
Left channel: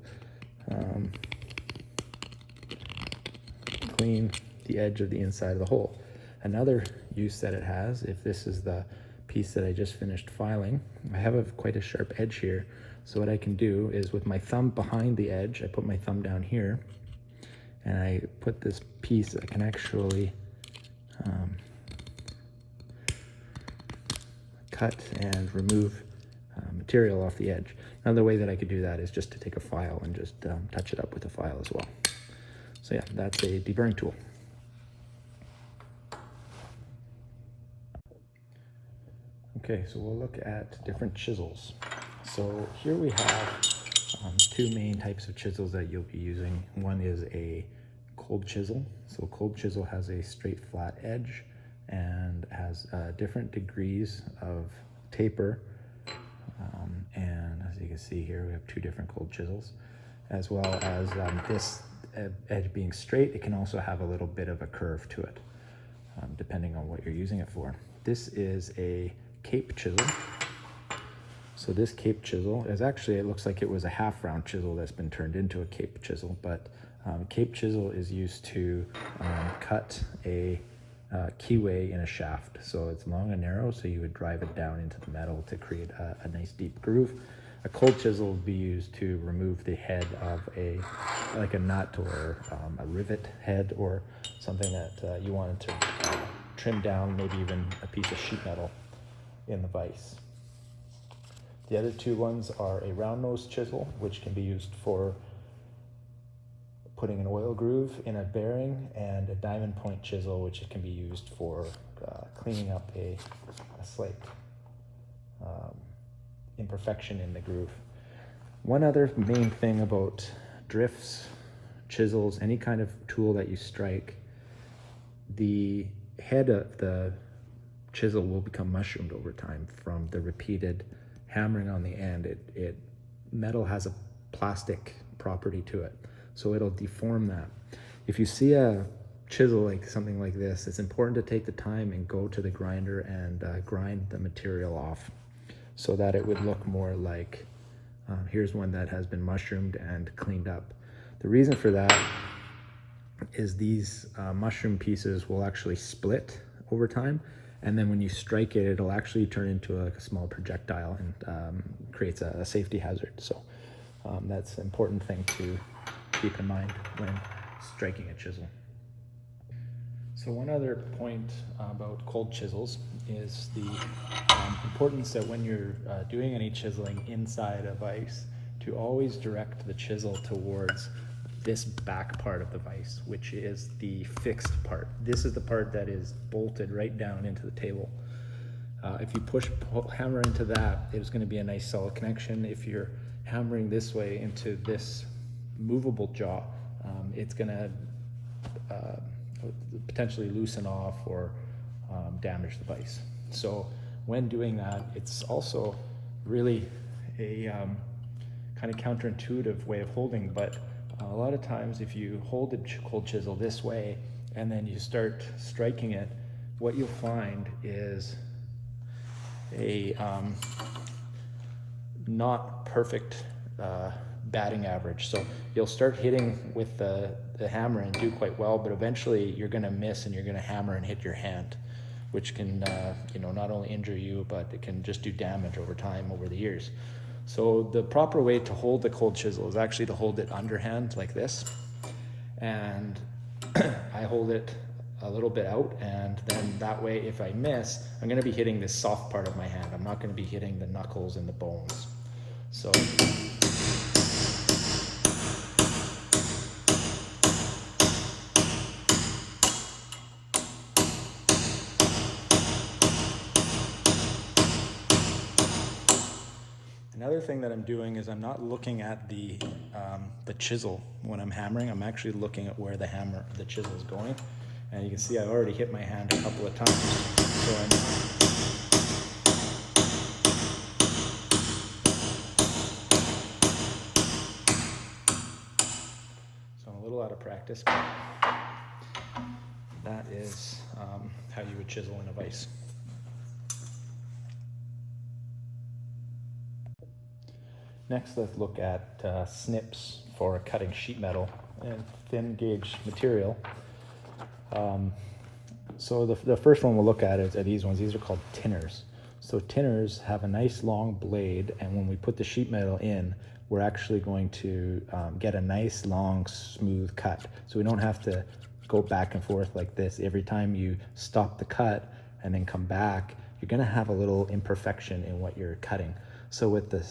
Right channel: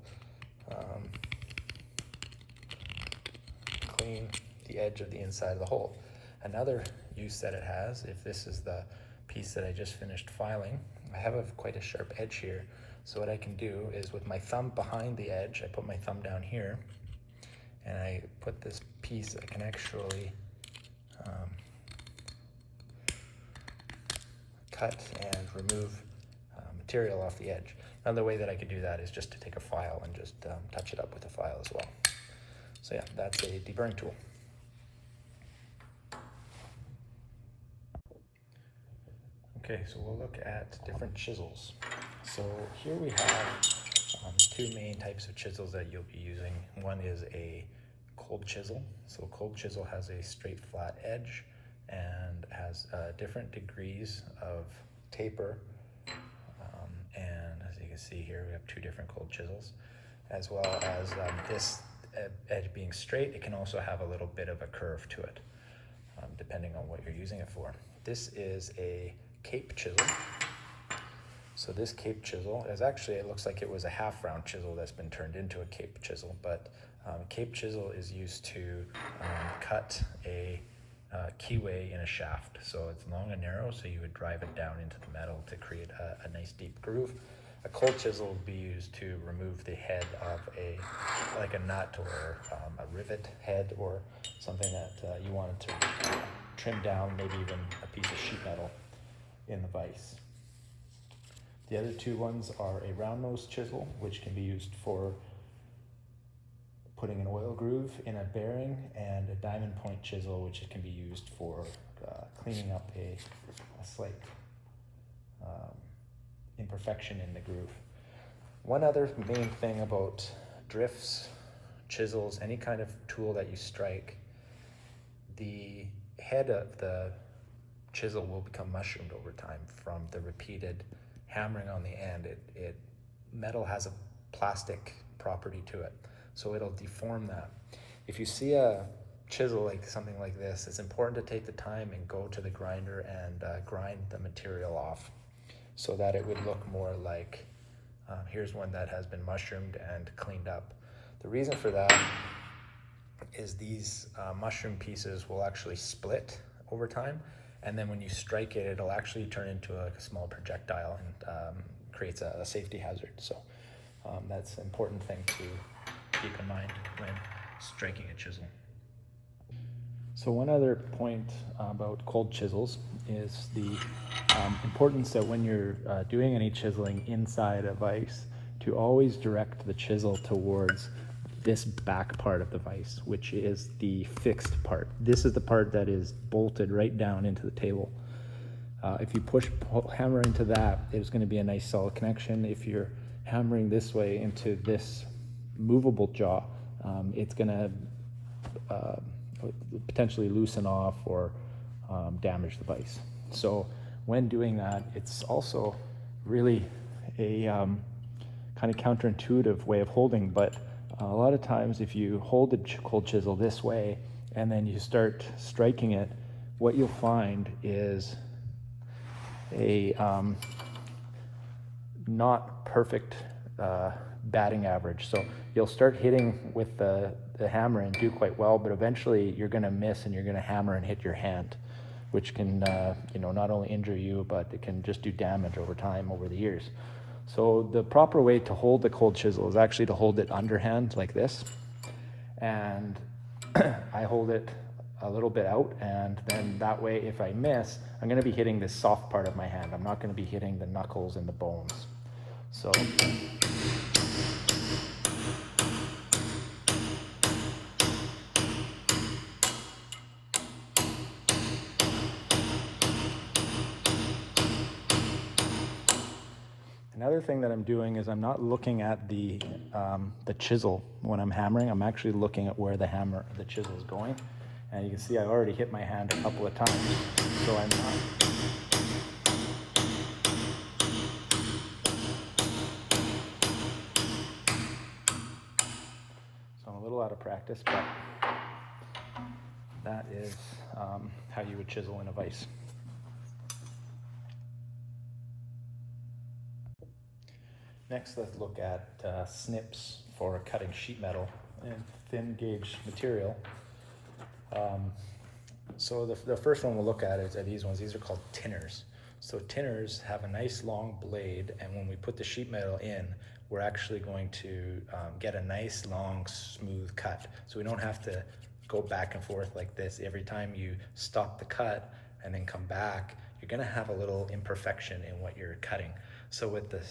clean the edge of the inside of the hole. Another use that it has, if this is the piece that I just finished filing, I have quite a sharp edge here. So what I can do is with my thumb behind the edge, I put my thumb down here and I put this piece, I can actually cut and remove material off the edge. Another way that I could do that is just to take a file and just touch it up with a file as well. So yeah, that's a deburring tool. Okay, so we'll look at different chisels. So here we have two main types of chisels that you'll be using. One is a cold chisel. So a cold chisel has a straight flat edge and has different degrees of taper. And as you can see here, we have two different cold chisels, as well as this edge being straight. It can also have a little bit of a curve to it, depending on what you're using it for. This is a cape chisel. So this cape chisel is actually, it looks like it was a half round chisel that's been turned into a cape chisel, but cape chisel is used to cut a keyway in a shaft. So it's long and narrow, so you would drive it down into the metal to create a nice deep groove. A cold chisel will be used to remove the head of like a nut or a rivet head or something that you wanted to trim down, maybe even a piece of sheet metal in the vise. The other two ones are a round nose chisel, which can be used for putting an oil groove in a bearing, and a diamond point chisel, which can be used for cleaning up a slight imperfection in the groove. One other main thing about drifts, chisels, any kind of tool that you strike, the head of the chisel will become mushroomed over time from the repeated hammering on the end. Metal has a plastic property to it, so it'll deform that. If you see a chisel like something like this, it's important to take the time and go to the grinder and grind the material off, so that it would look more like, here's one that has been mushroomed and cleaned up. The reason for that is these mushroom pieces will actually split over time, and then when you strike it, it'll actually turn into a small projectile and creates a safety hazard. So that's an important thing to keep in mind when striking a chisel. So one other point about cold chisels is the importance that when you're doing any chiseling inside a vise, to always direct the chisel towards this back part of the vise, which is the fixed part. This is the part that is bolted right down into the table. If you hammer into that, there's going to be a nice solid connection. If you're hammering this way into this movable jaw, it's going to potentially loosen off or damage the vise. So when doing that, it's also really a kind of counterintuitive way of holding, but a lot of times if you hold the cold chisel this way and then you start striking it, what you'll find is a not perfect batting average. So you'll start hitting with the hammer and do quite well, but eventually you're going to miss and you're going to hammer and hit your hand, which can not only injure you, but it can just do damage over time, over the years. So the proper way to hold the cold chisel is actually to hold it underhand like this, and I hold it a little bit out, and then that way if I miss, I'm going to be hitting this soft part of my hand. I'm not going to be hitting the knuckles and the bones. So another thing that I'm doing is I'm not looking at the chisel when I'm hammering. I'm actually looking at where the chisel is going. And you can see I already hit my hand a couple of times. So I'm not. So I'm a little out of practice, but that is how you would chisel in a vise. Next, let's look at snips for cutting sheet metal and thin gauge material. So the first one we'll look at are these ones. These are called tinners. So tinners have a nice long blade, and when we put the sheet metal in, we're actually going to get a nice long smooth cut. So we don't have to go back and forth like this. Every time you stop the cut and then come back, you're gonna have a little imperfection in what you're cutting. So what the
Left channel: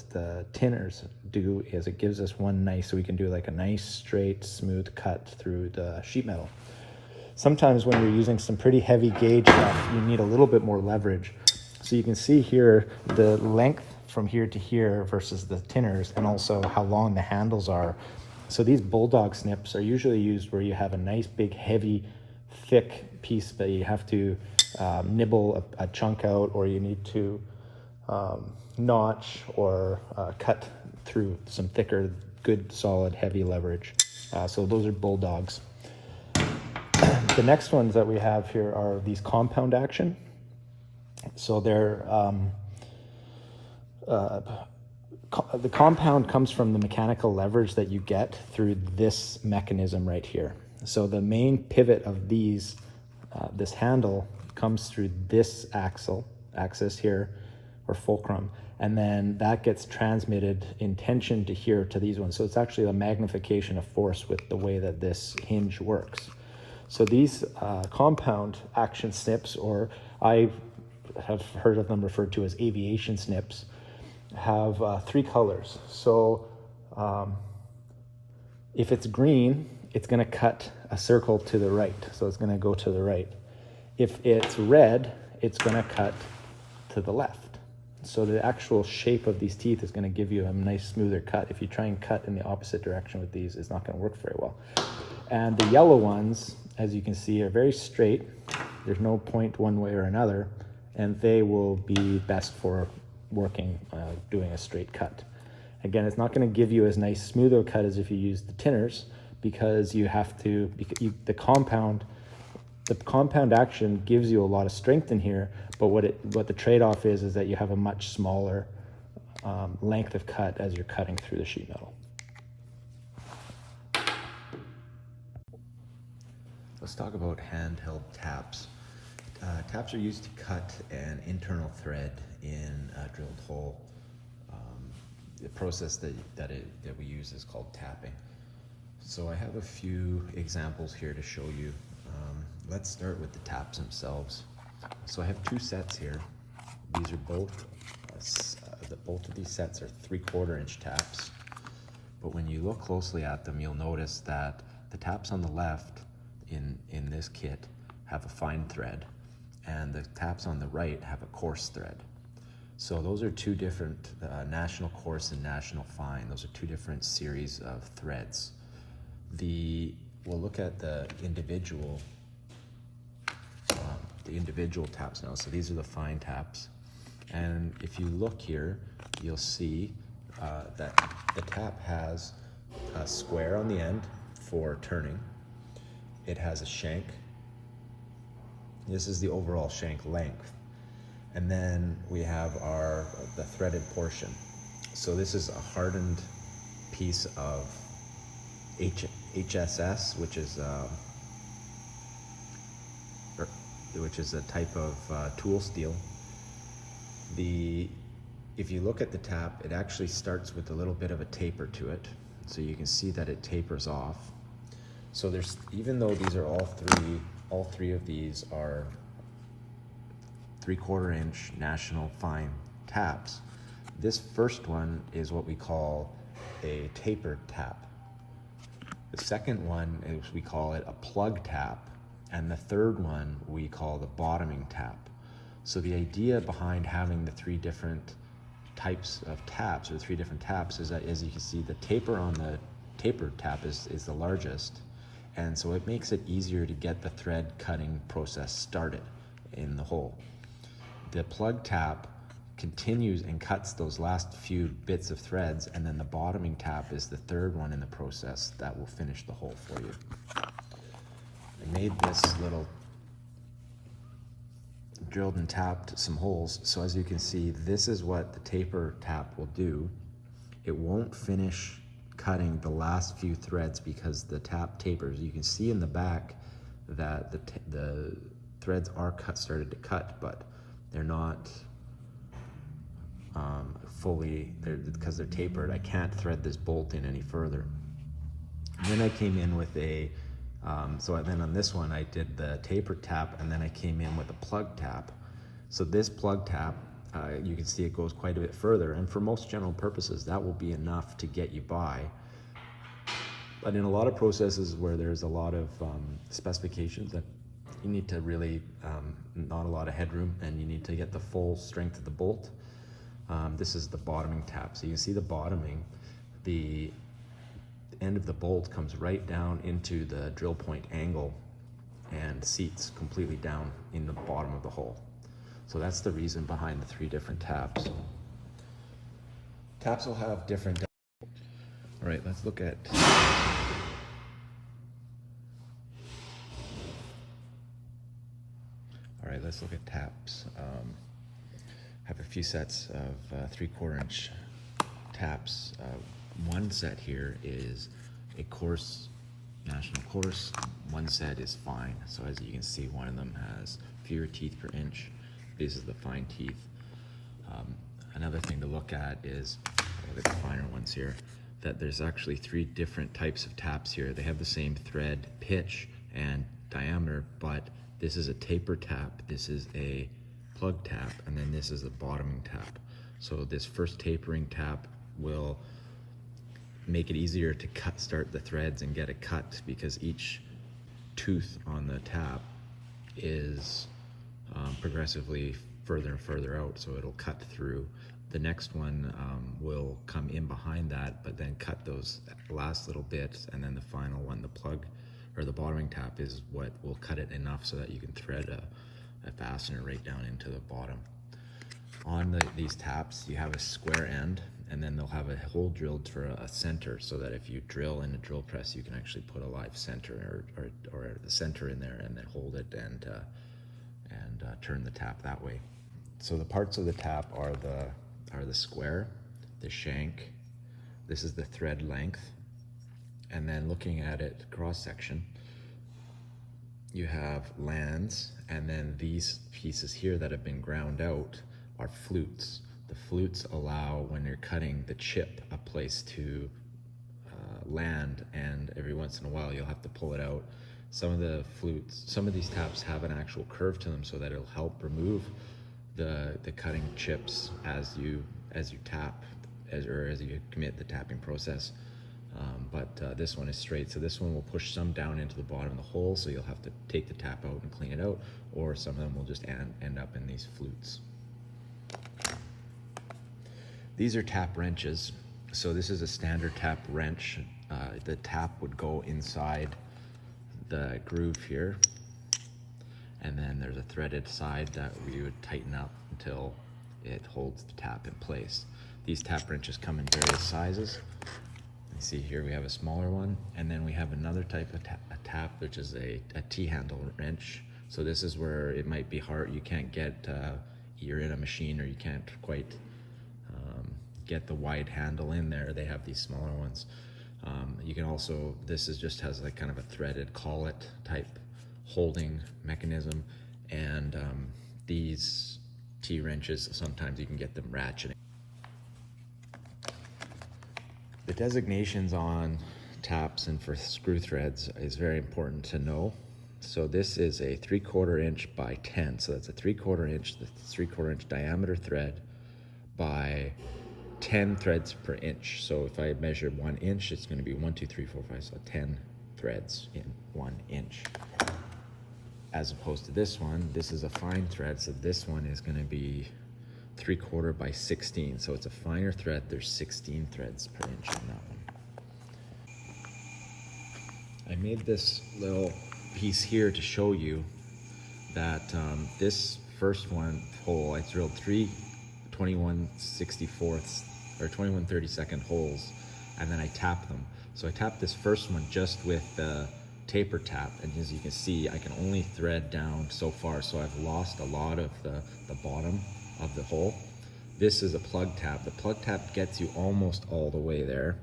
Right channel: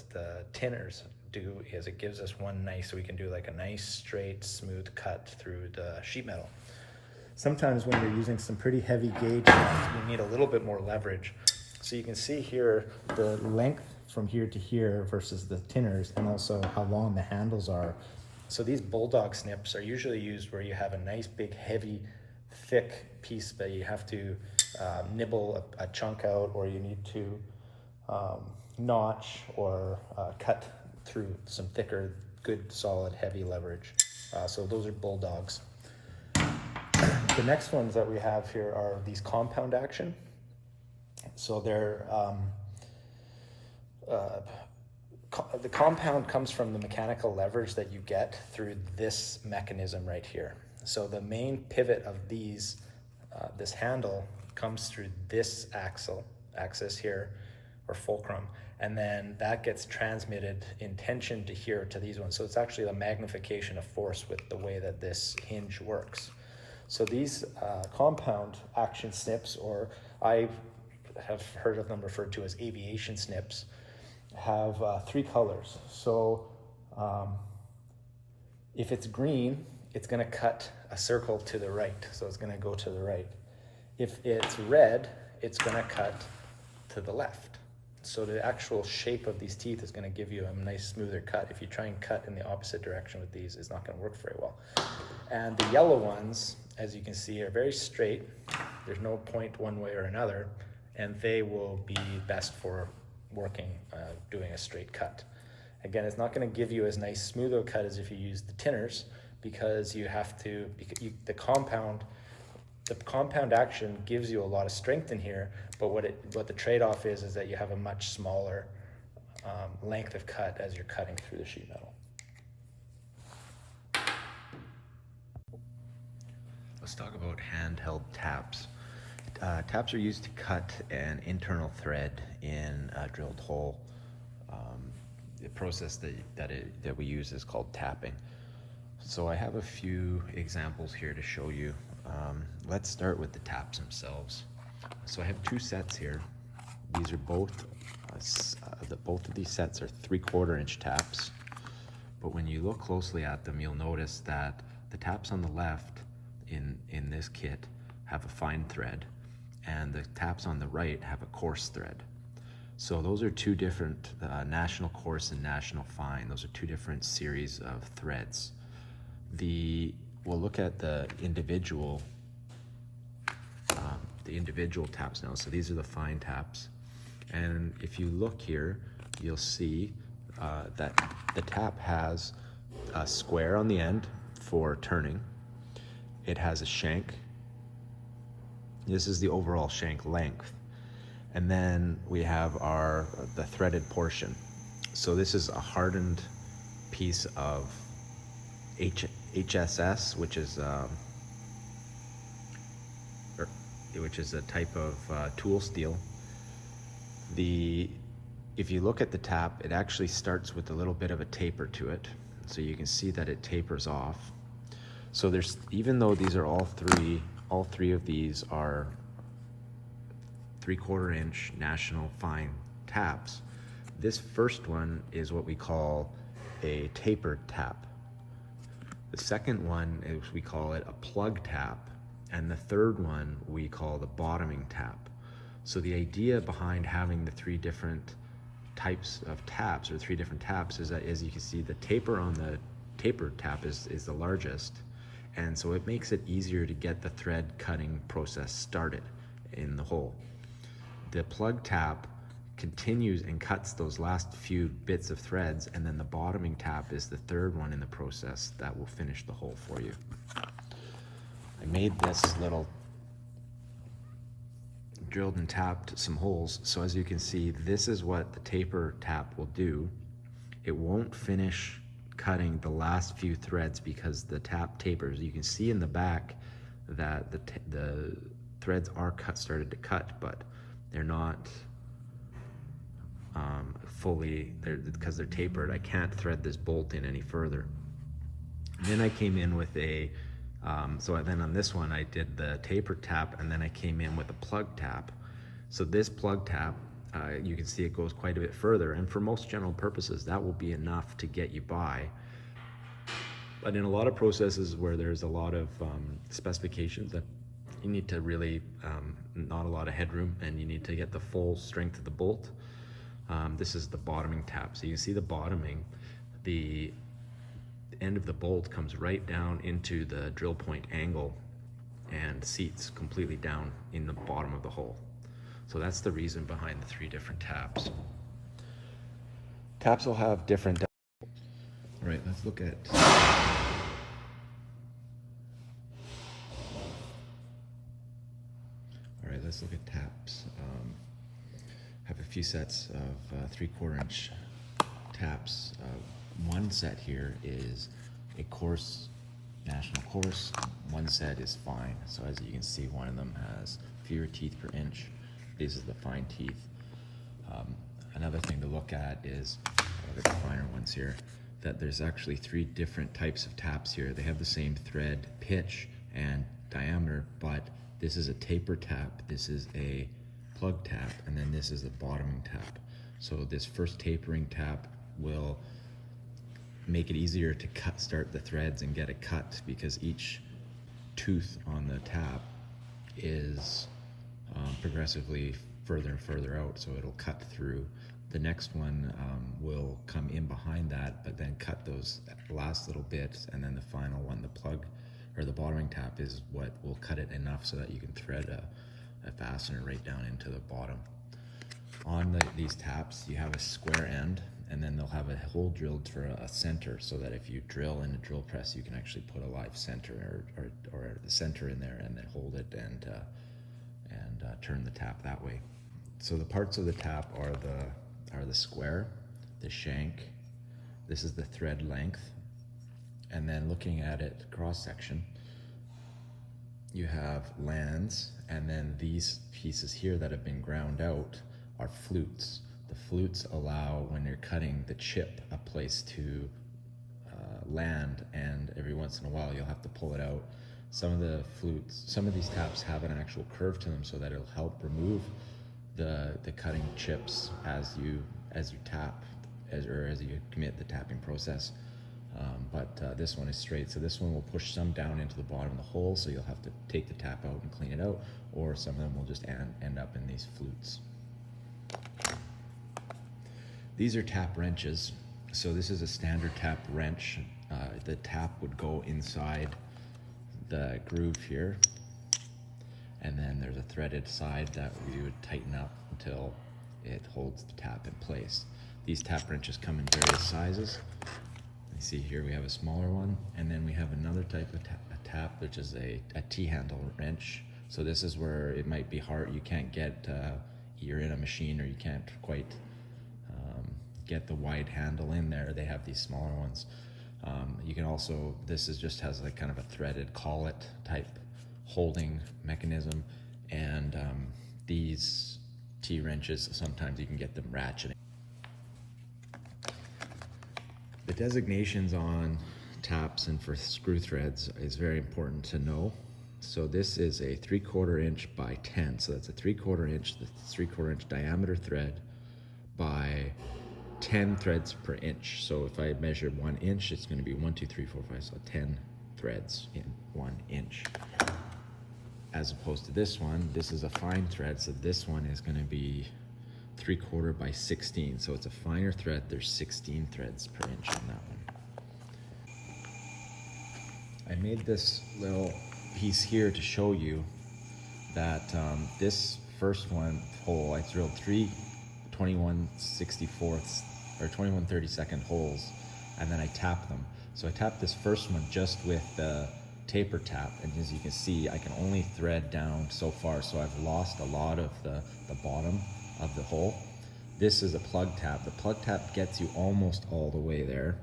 tinners do is it gives us one nice, so we can do like a nice straight smooth cut through the sheet metal. Sometimes when you're using some pretty heavy gauge, you need a little bit more leverage. So you can see here the length from here to here versus the tinners, and also how long the handles are. So these bulldog snips are usually used where you have a nice big heavy thick piece that you have to nibble a chunk out, or you need to notch or cut through some thicker, good solid heavy leverage. So those are bulldogs. The next ones that we have here are these compound action. So they're the compound comes from the mechanical leverage that you get through this mechanism right here. So the main pivot of these, this handle, comes through this axis here, or fulcrum, and then that gets transmitted in tension to here to these ones. So it's actually a magnification of force with the way that this hinge works. So these compound action snips, or I have heard of them referred to as aviation snips, have 3 colors. So if it's green, it's going to cut a circle to the right. So it's going to go to the right. If it's red, it's going to cut to the left. So the actual shape of these teeth is going to give you a nice smoother cut. If you try and cut in the opposite direction with these, it's not going to work very well. And the yellow ones, as you can see, are very straight. There's no point one way or another, and they will be best for working, doing a straight cut. Again, it's not going to give you as nice smooth a cut as if you use the tinners, because you have to, the compound action gives you a lot of strength in here, but what the trade-off is that you have a much smaller length of cut as you're cutting through the sheet metal. Let's talk about handheld taps. Taps are used to cut an internal thread in a drilled hole. The process that we use is called tapping. So I have a few examples here to show you. Let's start with the taps themselves. So I have 2 sets here. These are both of these sets are 3/4 inch taps. But when you look closely at them, you'll notice that the taps on the left in this kit have a fine thread, and the taps on the right have a coarse thread. So those are 2 different national coarse and national fine. Those are 2 different series of threads. We'll look at the individual taps now. So these are the fine taps, and if you look here, you'll see that the tap has a square on the end for turning. It has a shank. This is the overall shank length. And then we have the threaded portion. So this is a hardened piece of HSS, which is a type of tool steel. If you look at the tap, it actually starts with a little bit of a taper to it. So you can see that it tapers off. So even though these are all three of these are 3/4 inch national fine taps, this first one is what we call a tapered tap. The second one is, we call it a plug tap, and the third one we call the bottoming tap. So the idea behind having the 3 different types of taps, or 3 different taps, is that, as you can see, the taper on the tapered tap is the largest, and so it makes it easier to get the thread cutting process started in the hole. The plug tap continues and cuts those last few bits of threads, and then the bottoming tap is the third one in the process that will finish the hole for you. I made this little drilled and tapped some holes. So as you can see, this is what the taper tap will do. It won't finish cutting the last few threads because the tap tapers. You can see in the back that the threads are started to cut, but they're not fully, because they're tapered. I can't thread this bolt in any further. And then I came in with then on this one I did the taper tap, and then I came in with a plug tap. So this plug tap, you can see it goes quite a bit further, and for most general purposes that will be enough to get you by. But in a lot of processes where there's a lot of specifications that you need to really, not a lot of headroom, and you need to get the full strength of the bolt, this is the bottoming tap. So you can see the bottoming, the end of the bolt comes right down into the drill point angle and seats completely down in the bottom of the hole. So that's the reason behind the 3 different taps. Taps will have different. All right, let's look at. All right, let's look at taps. Have a few sets of 3/4 inch taps. One set here is a coarse, national coarse. One set is fine. So as you can see, one of them has fewer teeth per inch. This is the fine teeth. Another thing to look at is, the finer ones here, that there's actually 3 different types of taps here. They have the same thread, pitch, and diameter, but this is a taper tap, this is a plug tap, and then this is a bottoming tap. So this first tapering tap will make it easier to start the threads and get a cut, because each tooth on the tap is progressively further and further out, so it'll cut through. The next one will come in behind that, but then cut those last little bits, and then the final one, the plug or the bottoming tap, is what will cut it enough so that you can thread a fastener right down into the bottom. On these taps, you have a square end, and then they'll have a hole drilled for a center, so that if you drill in a drill press, you can actually put a live center or the center in there, and then hold it and turn the tap that way. So the parts of the tap are the square, the shank, this is the thread length, and then looking at it cross section, you have lands, and then these pieces here that have been ground out are flutes. The flutes allow, when you're cutting the chip, a place to land, and every once in a while you'll have to pull it out. Some of these taps have an actual curve to them, so that it'll help remove the cutting chips as you tap, as you commit the tapping process. But this one is straight, so this one will push some down into the bottom of the hole, so you'll have to take the tap out and clean it out, or some of them will just end up in these flutes. These are tap wrenches. So this is a standard tap wrench. The tap would go inside the groove here, and then there's a threaded side that we would tighten up until it holds the tap in place. These tap wrenches come in various sizes. You see here we have a smaller one, and then we have another type of tap, which is a T-handle wrench. So this is where it might be hard, you can't get, you're in a machine, or you can't quite get the wide handle in there. They have these smaller ones. You can also, just has like kind of a threaded collet type holding mechanism, and these T-wrenches, sometimes you can get them ratcheting. The designations on taps and for screw threads is very important to know. So this is a 3/4 inch by 10, so that's a 3/4 inch, the 3/4 inch diameter thread by 10 threads per inch. So if I measure 1 inch, it's going to be 1, 2, 3, 4, 5, so 10 threads in 1 inch. As opposed to this one, this is a fine thread, so this one is going to be 3/4 by 16, so it's a finer thread. There's 16 threads per inch on that one. I made this little piece here to show you that this first one hole, I drilled 3 21/64 or 21/32 holes, and then I tapped them. So I tapped this first one just with the taper tap, and as you can see, I can only thread down so far, so I've lost a lot of the bottom of the hole. This is a plug tap. The plug tap gets you almost all the way there,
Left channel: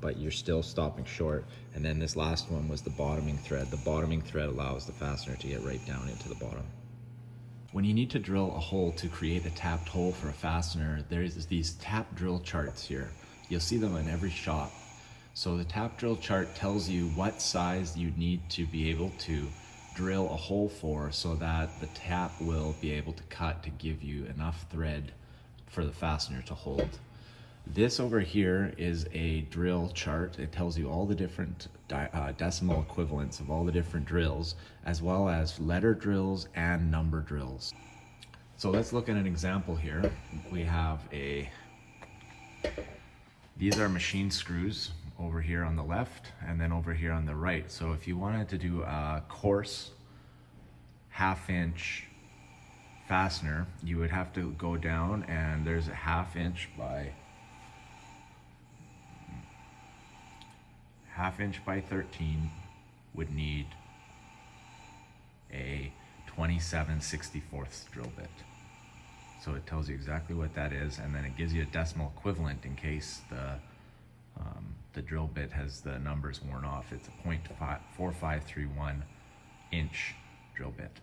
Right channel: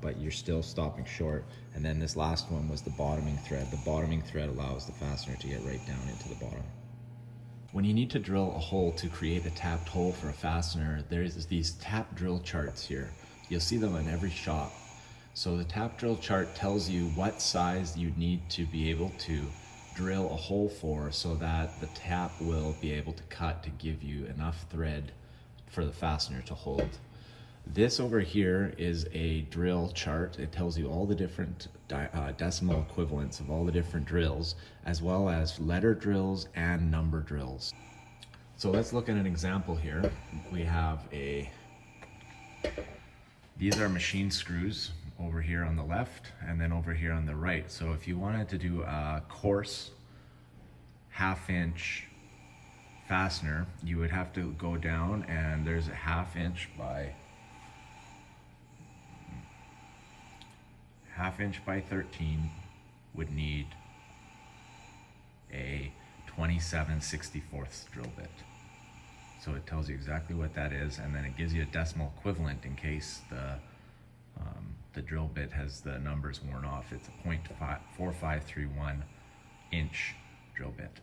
but you're still stopping short. And then this last one was the bottoming thread. The bottoming thread allows the fastener to get right down into the bottom. When you need to drill a hole to create a tapped hole for a fastener, there's these tap drill charts here. You'll see them in every shop. So the tap drill chart tells you what size you need to be able to drill a hole for, so that the tap will be able to cut to give you enough thread for the fastener to hold. This over here is a drill chart. It tells you all the different decimal equivalents of all the different drills, as well as letter drills and number drills. So let's look at an example here. We have these are machine screws over here on the left, and then over here on the right. So if you wanted to do a coarse 1/2 inch fastener, you would have to go down, and there's a 1/2 inch by 1/2 inch by 13 would need a 27/64 drill bit. So it tells you exactly what that is, and then it gives you a decimal equivalent in case the drill bit has the numbers worn off. It's a 0.4531 inch drill bit.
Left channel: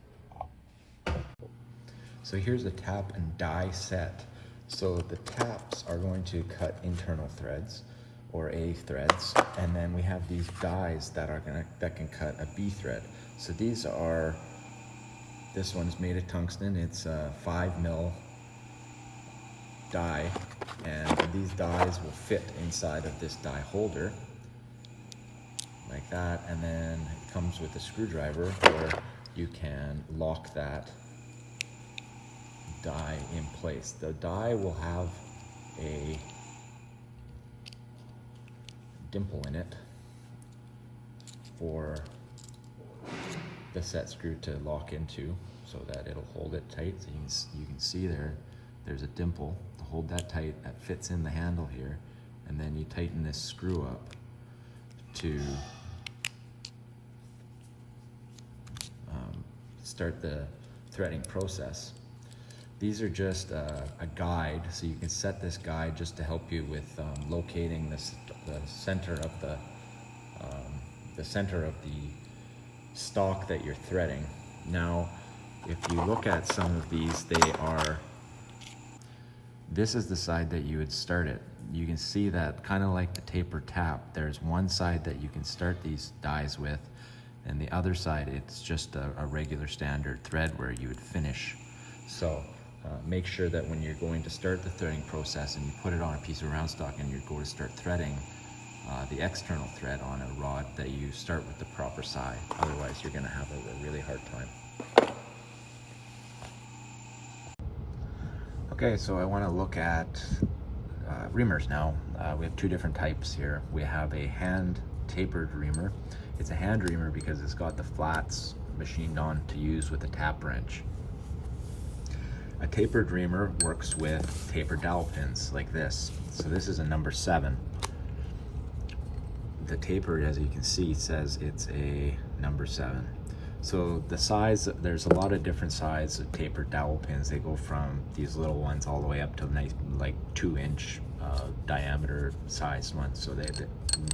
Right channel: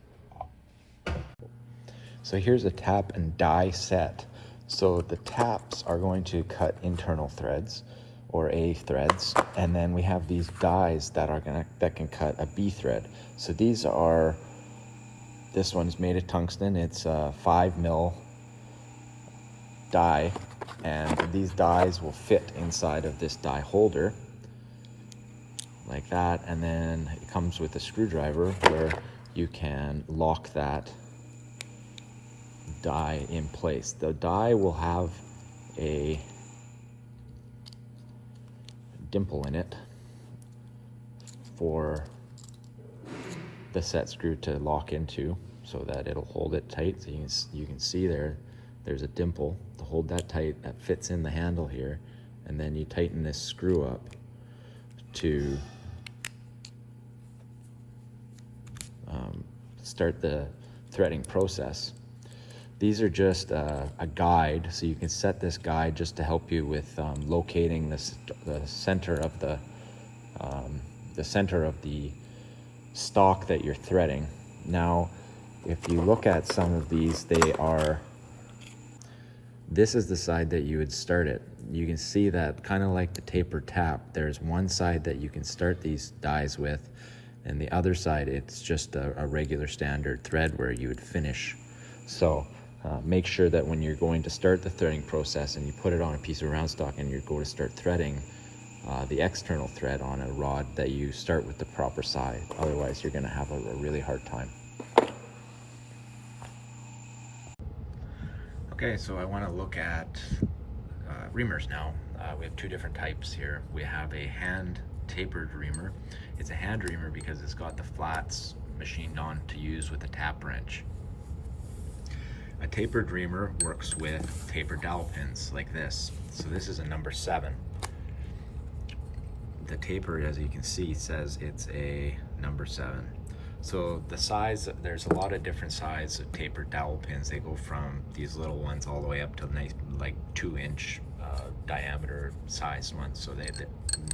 So here's a tap and die set. So the taps are going to cut internal threads or A threads, and then we have these dies that can cut a B thread. So these are, this one is made of tungsten. It's a 5mm die, and these dies will fit inside of this die holder like that, and then it comes with a screwdriver where you can lock that die in place. The die will have a dimple in it for the set screw to lock into, so that it'll hold it tight. So you can see there's a dimple to hold that tight, that fits in the handle here, and then you tighten this screw up to start the threading process. These are just a guide, so you can set this guide just to help you with locating the center of the stock that you're threading. Now, if you look at some of these, this is the side that you would start it. You can see that, kind of like the tapered tap, there's one side that you can start these dies with, and the other side it's just a regular standard thread where you would finish. So make sure that when you're going to start the threading process and you put it on a piece of round stock and you go to start threading the external thread on a rod, that you start with the proper side. Otherwise you're going to have a really hard time. Okay, so I want to look at reamers now. We have two different types here. We have a hand tapered reamer. It's a hand reamer because it's got the flats machined on to use with a tap wrench. A tapered reamer works with tapered dowel pins like this. So this is a number 7. The taper, as you can see, says it's a number 7. So the size, there's a lot of different sizes of tapered dowel pins. They go from these little ones all the way up to nice, like 2-inch diameter sized ones. So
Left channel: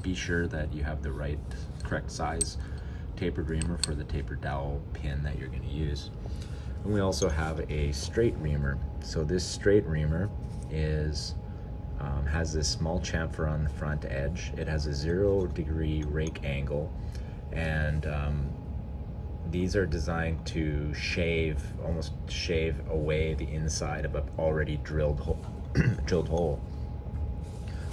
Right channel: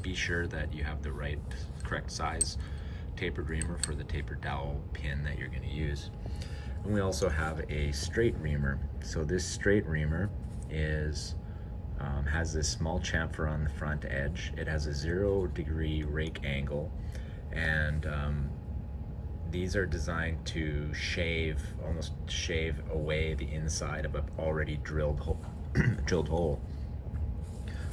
be sure that you have the correct size tapered reamer for the tapered dowel pin that you're going to use. And we also have a straight reamer. So this straight reamer has this small chamfer on the front edge. It has a 0-degree rake angle, and these are designed to almost shave away the inside of an already drilled hole.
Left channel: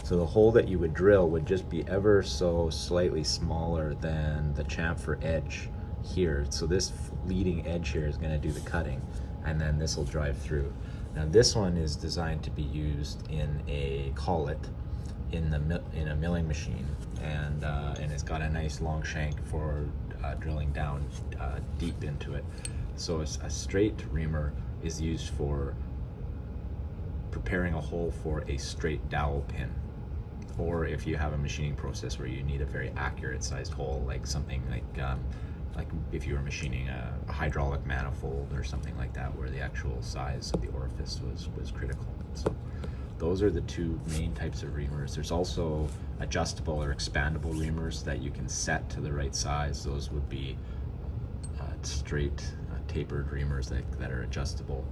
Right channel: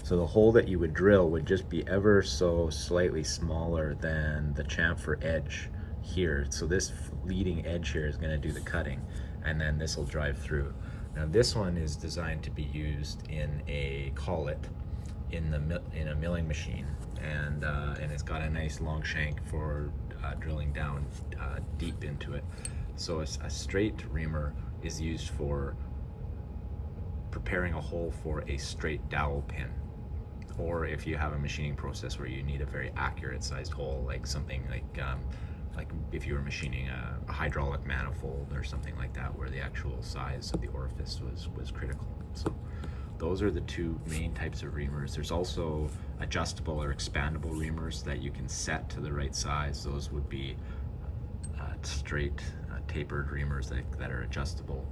So the hole that you would drill would just be ever so slightly smaller than the chamfer edge here. So this leading edge here is going to do the cutting, and then this will drive through. Now this one is designed to be used in a collet in a milling machine, and it's got a nice long shank for drilling down deep into it. So a straight reamer is used for preparing a hole for a straight dowel pin, or if you have a machining process where you need a very accurate sized hole, like something like if you were machining a hydraulic manifold or something like that, where the actual size of the orifice was critical. So those are the two main types of reamers. There's also adjustable or expandable reamers that you can set to the right size. Those would be straight tapered reamers that are adjustable.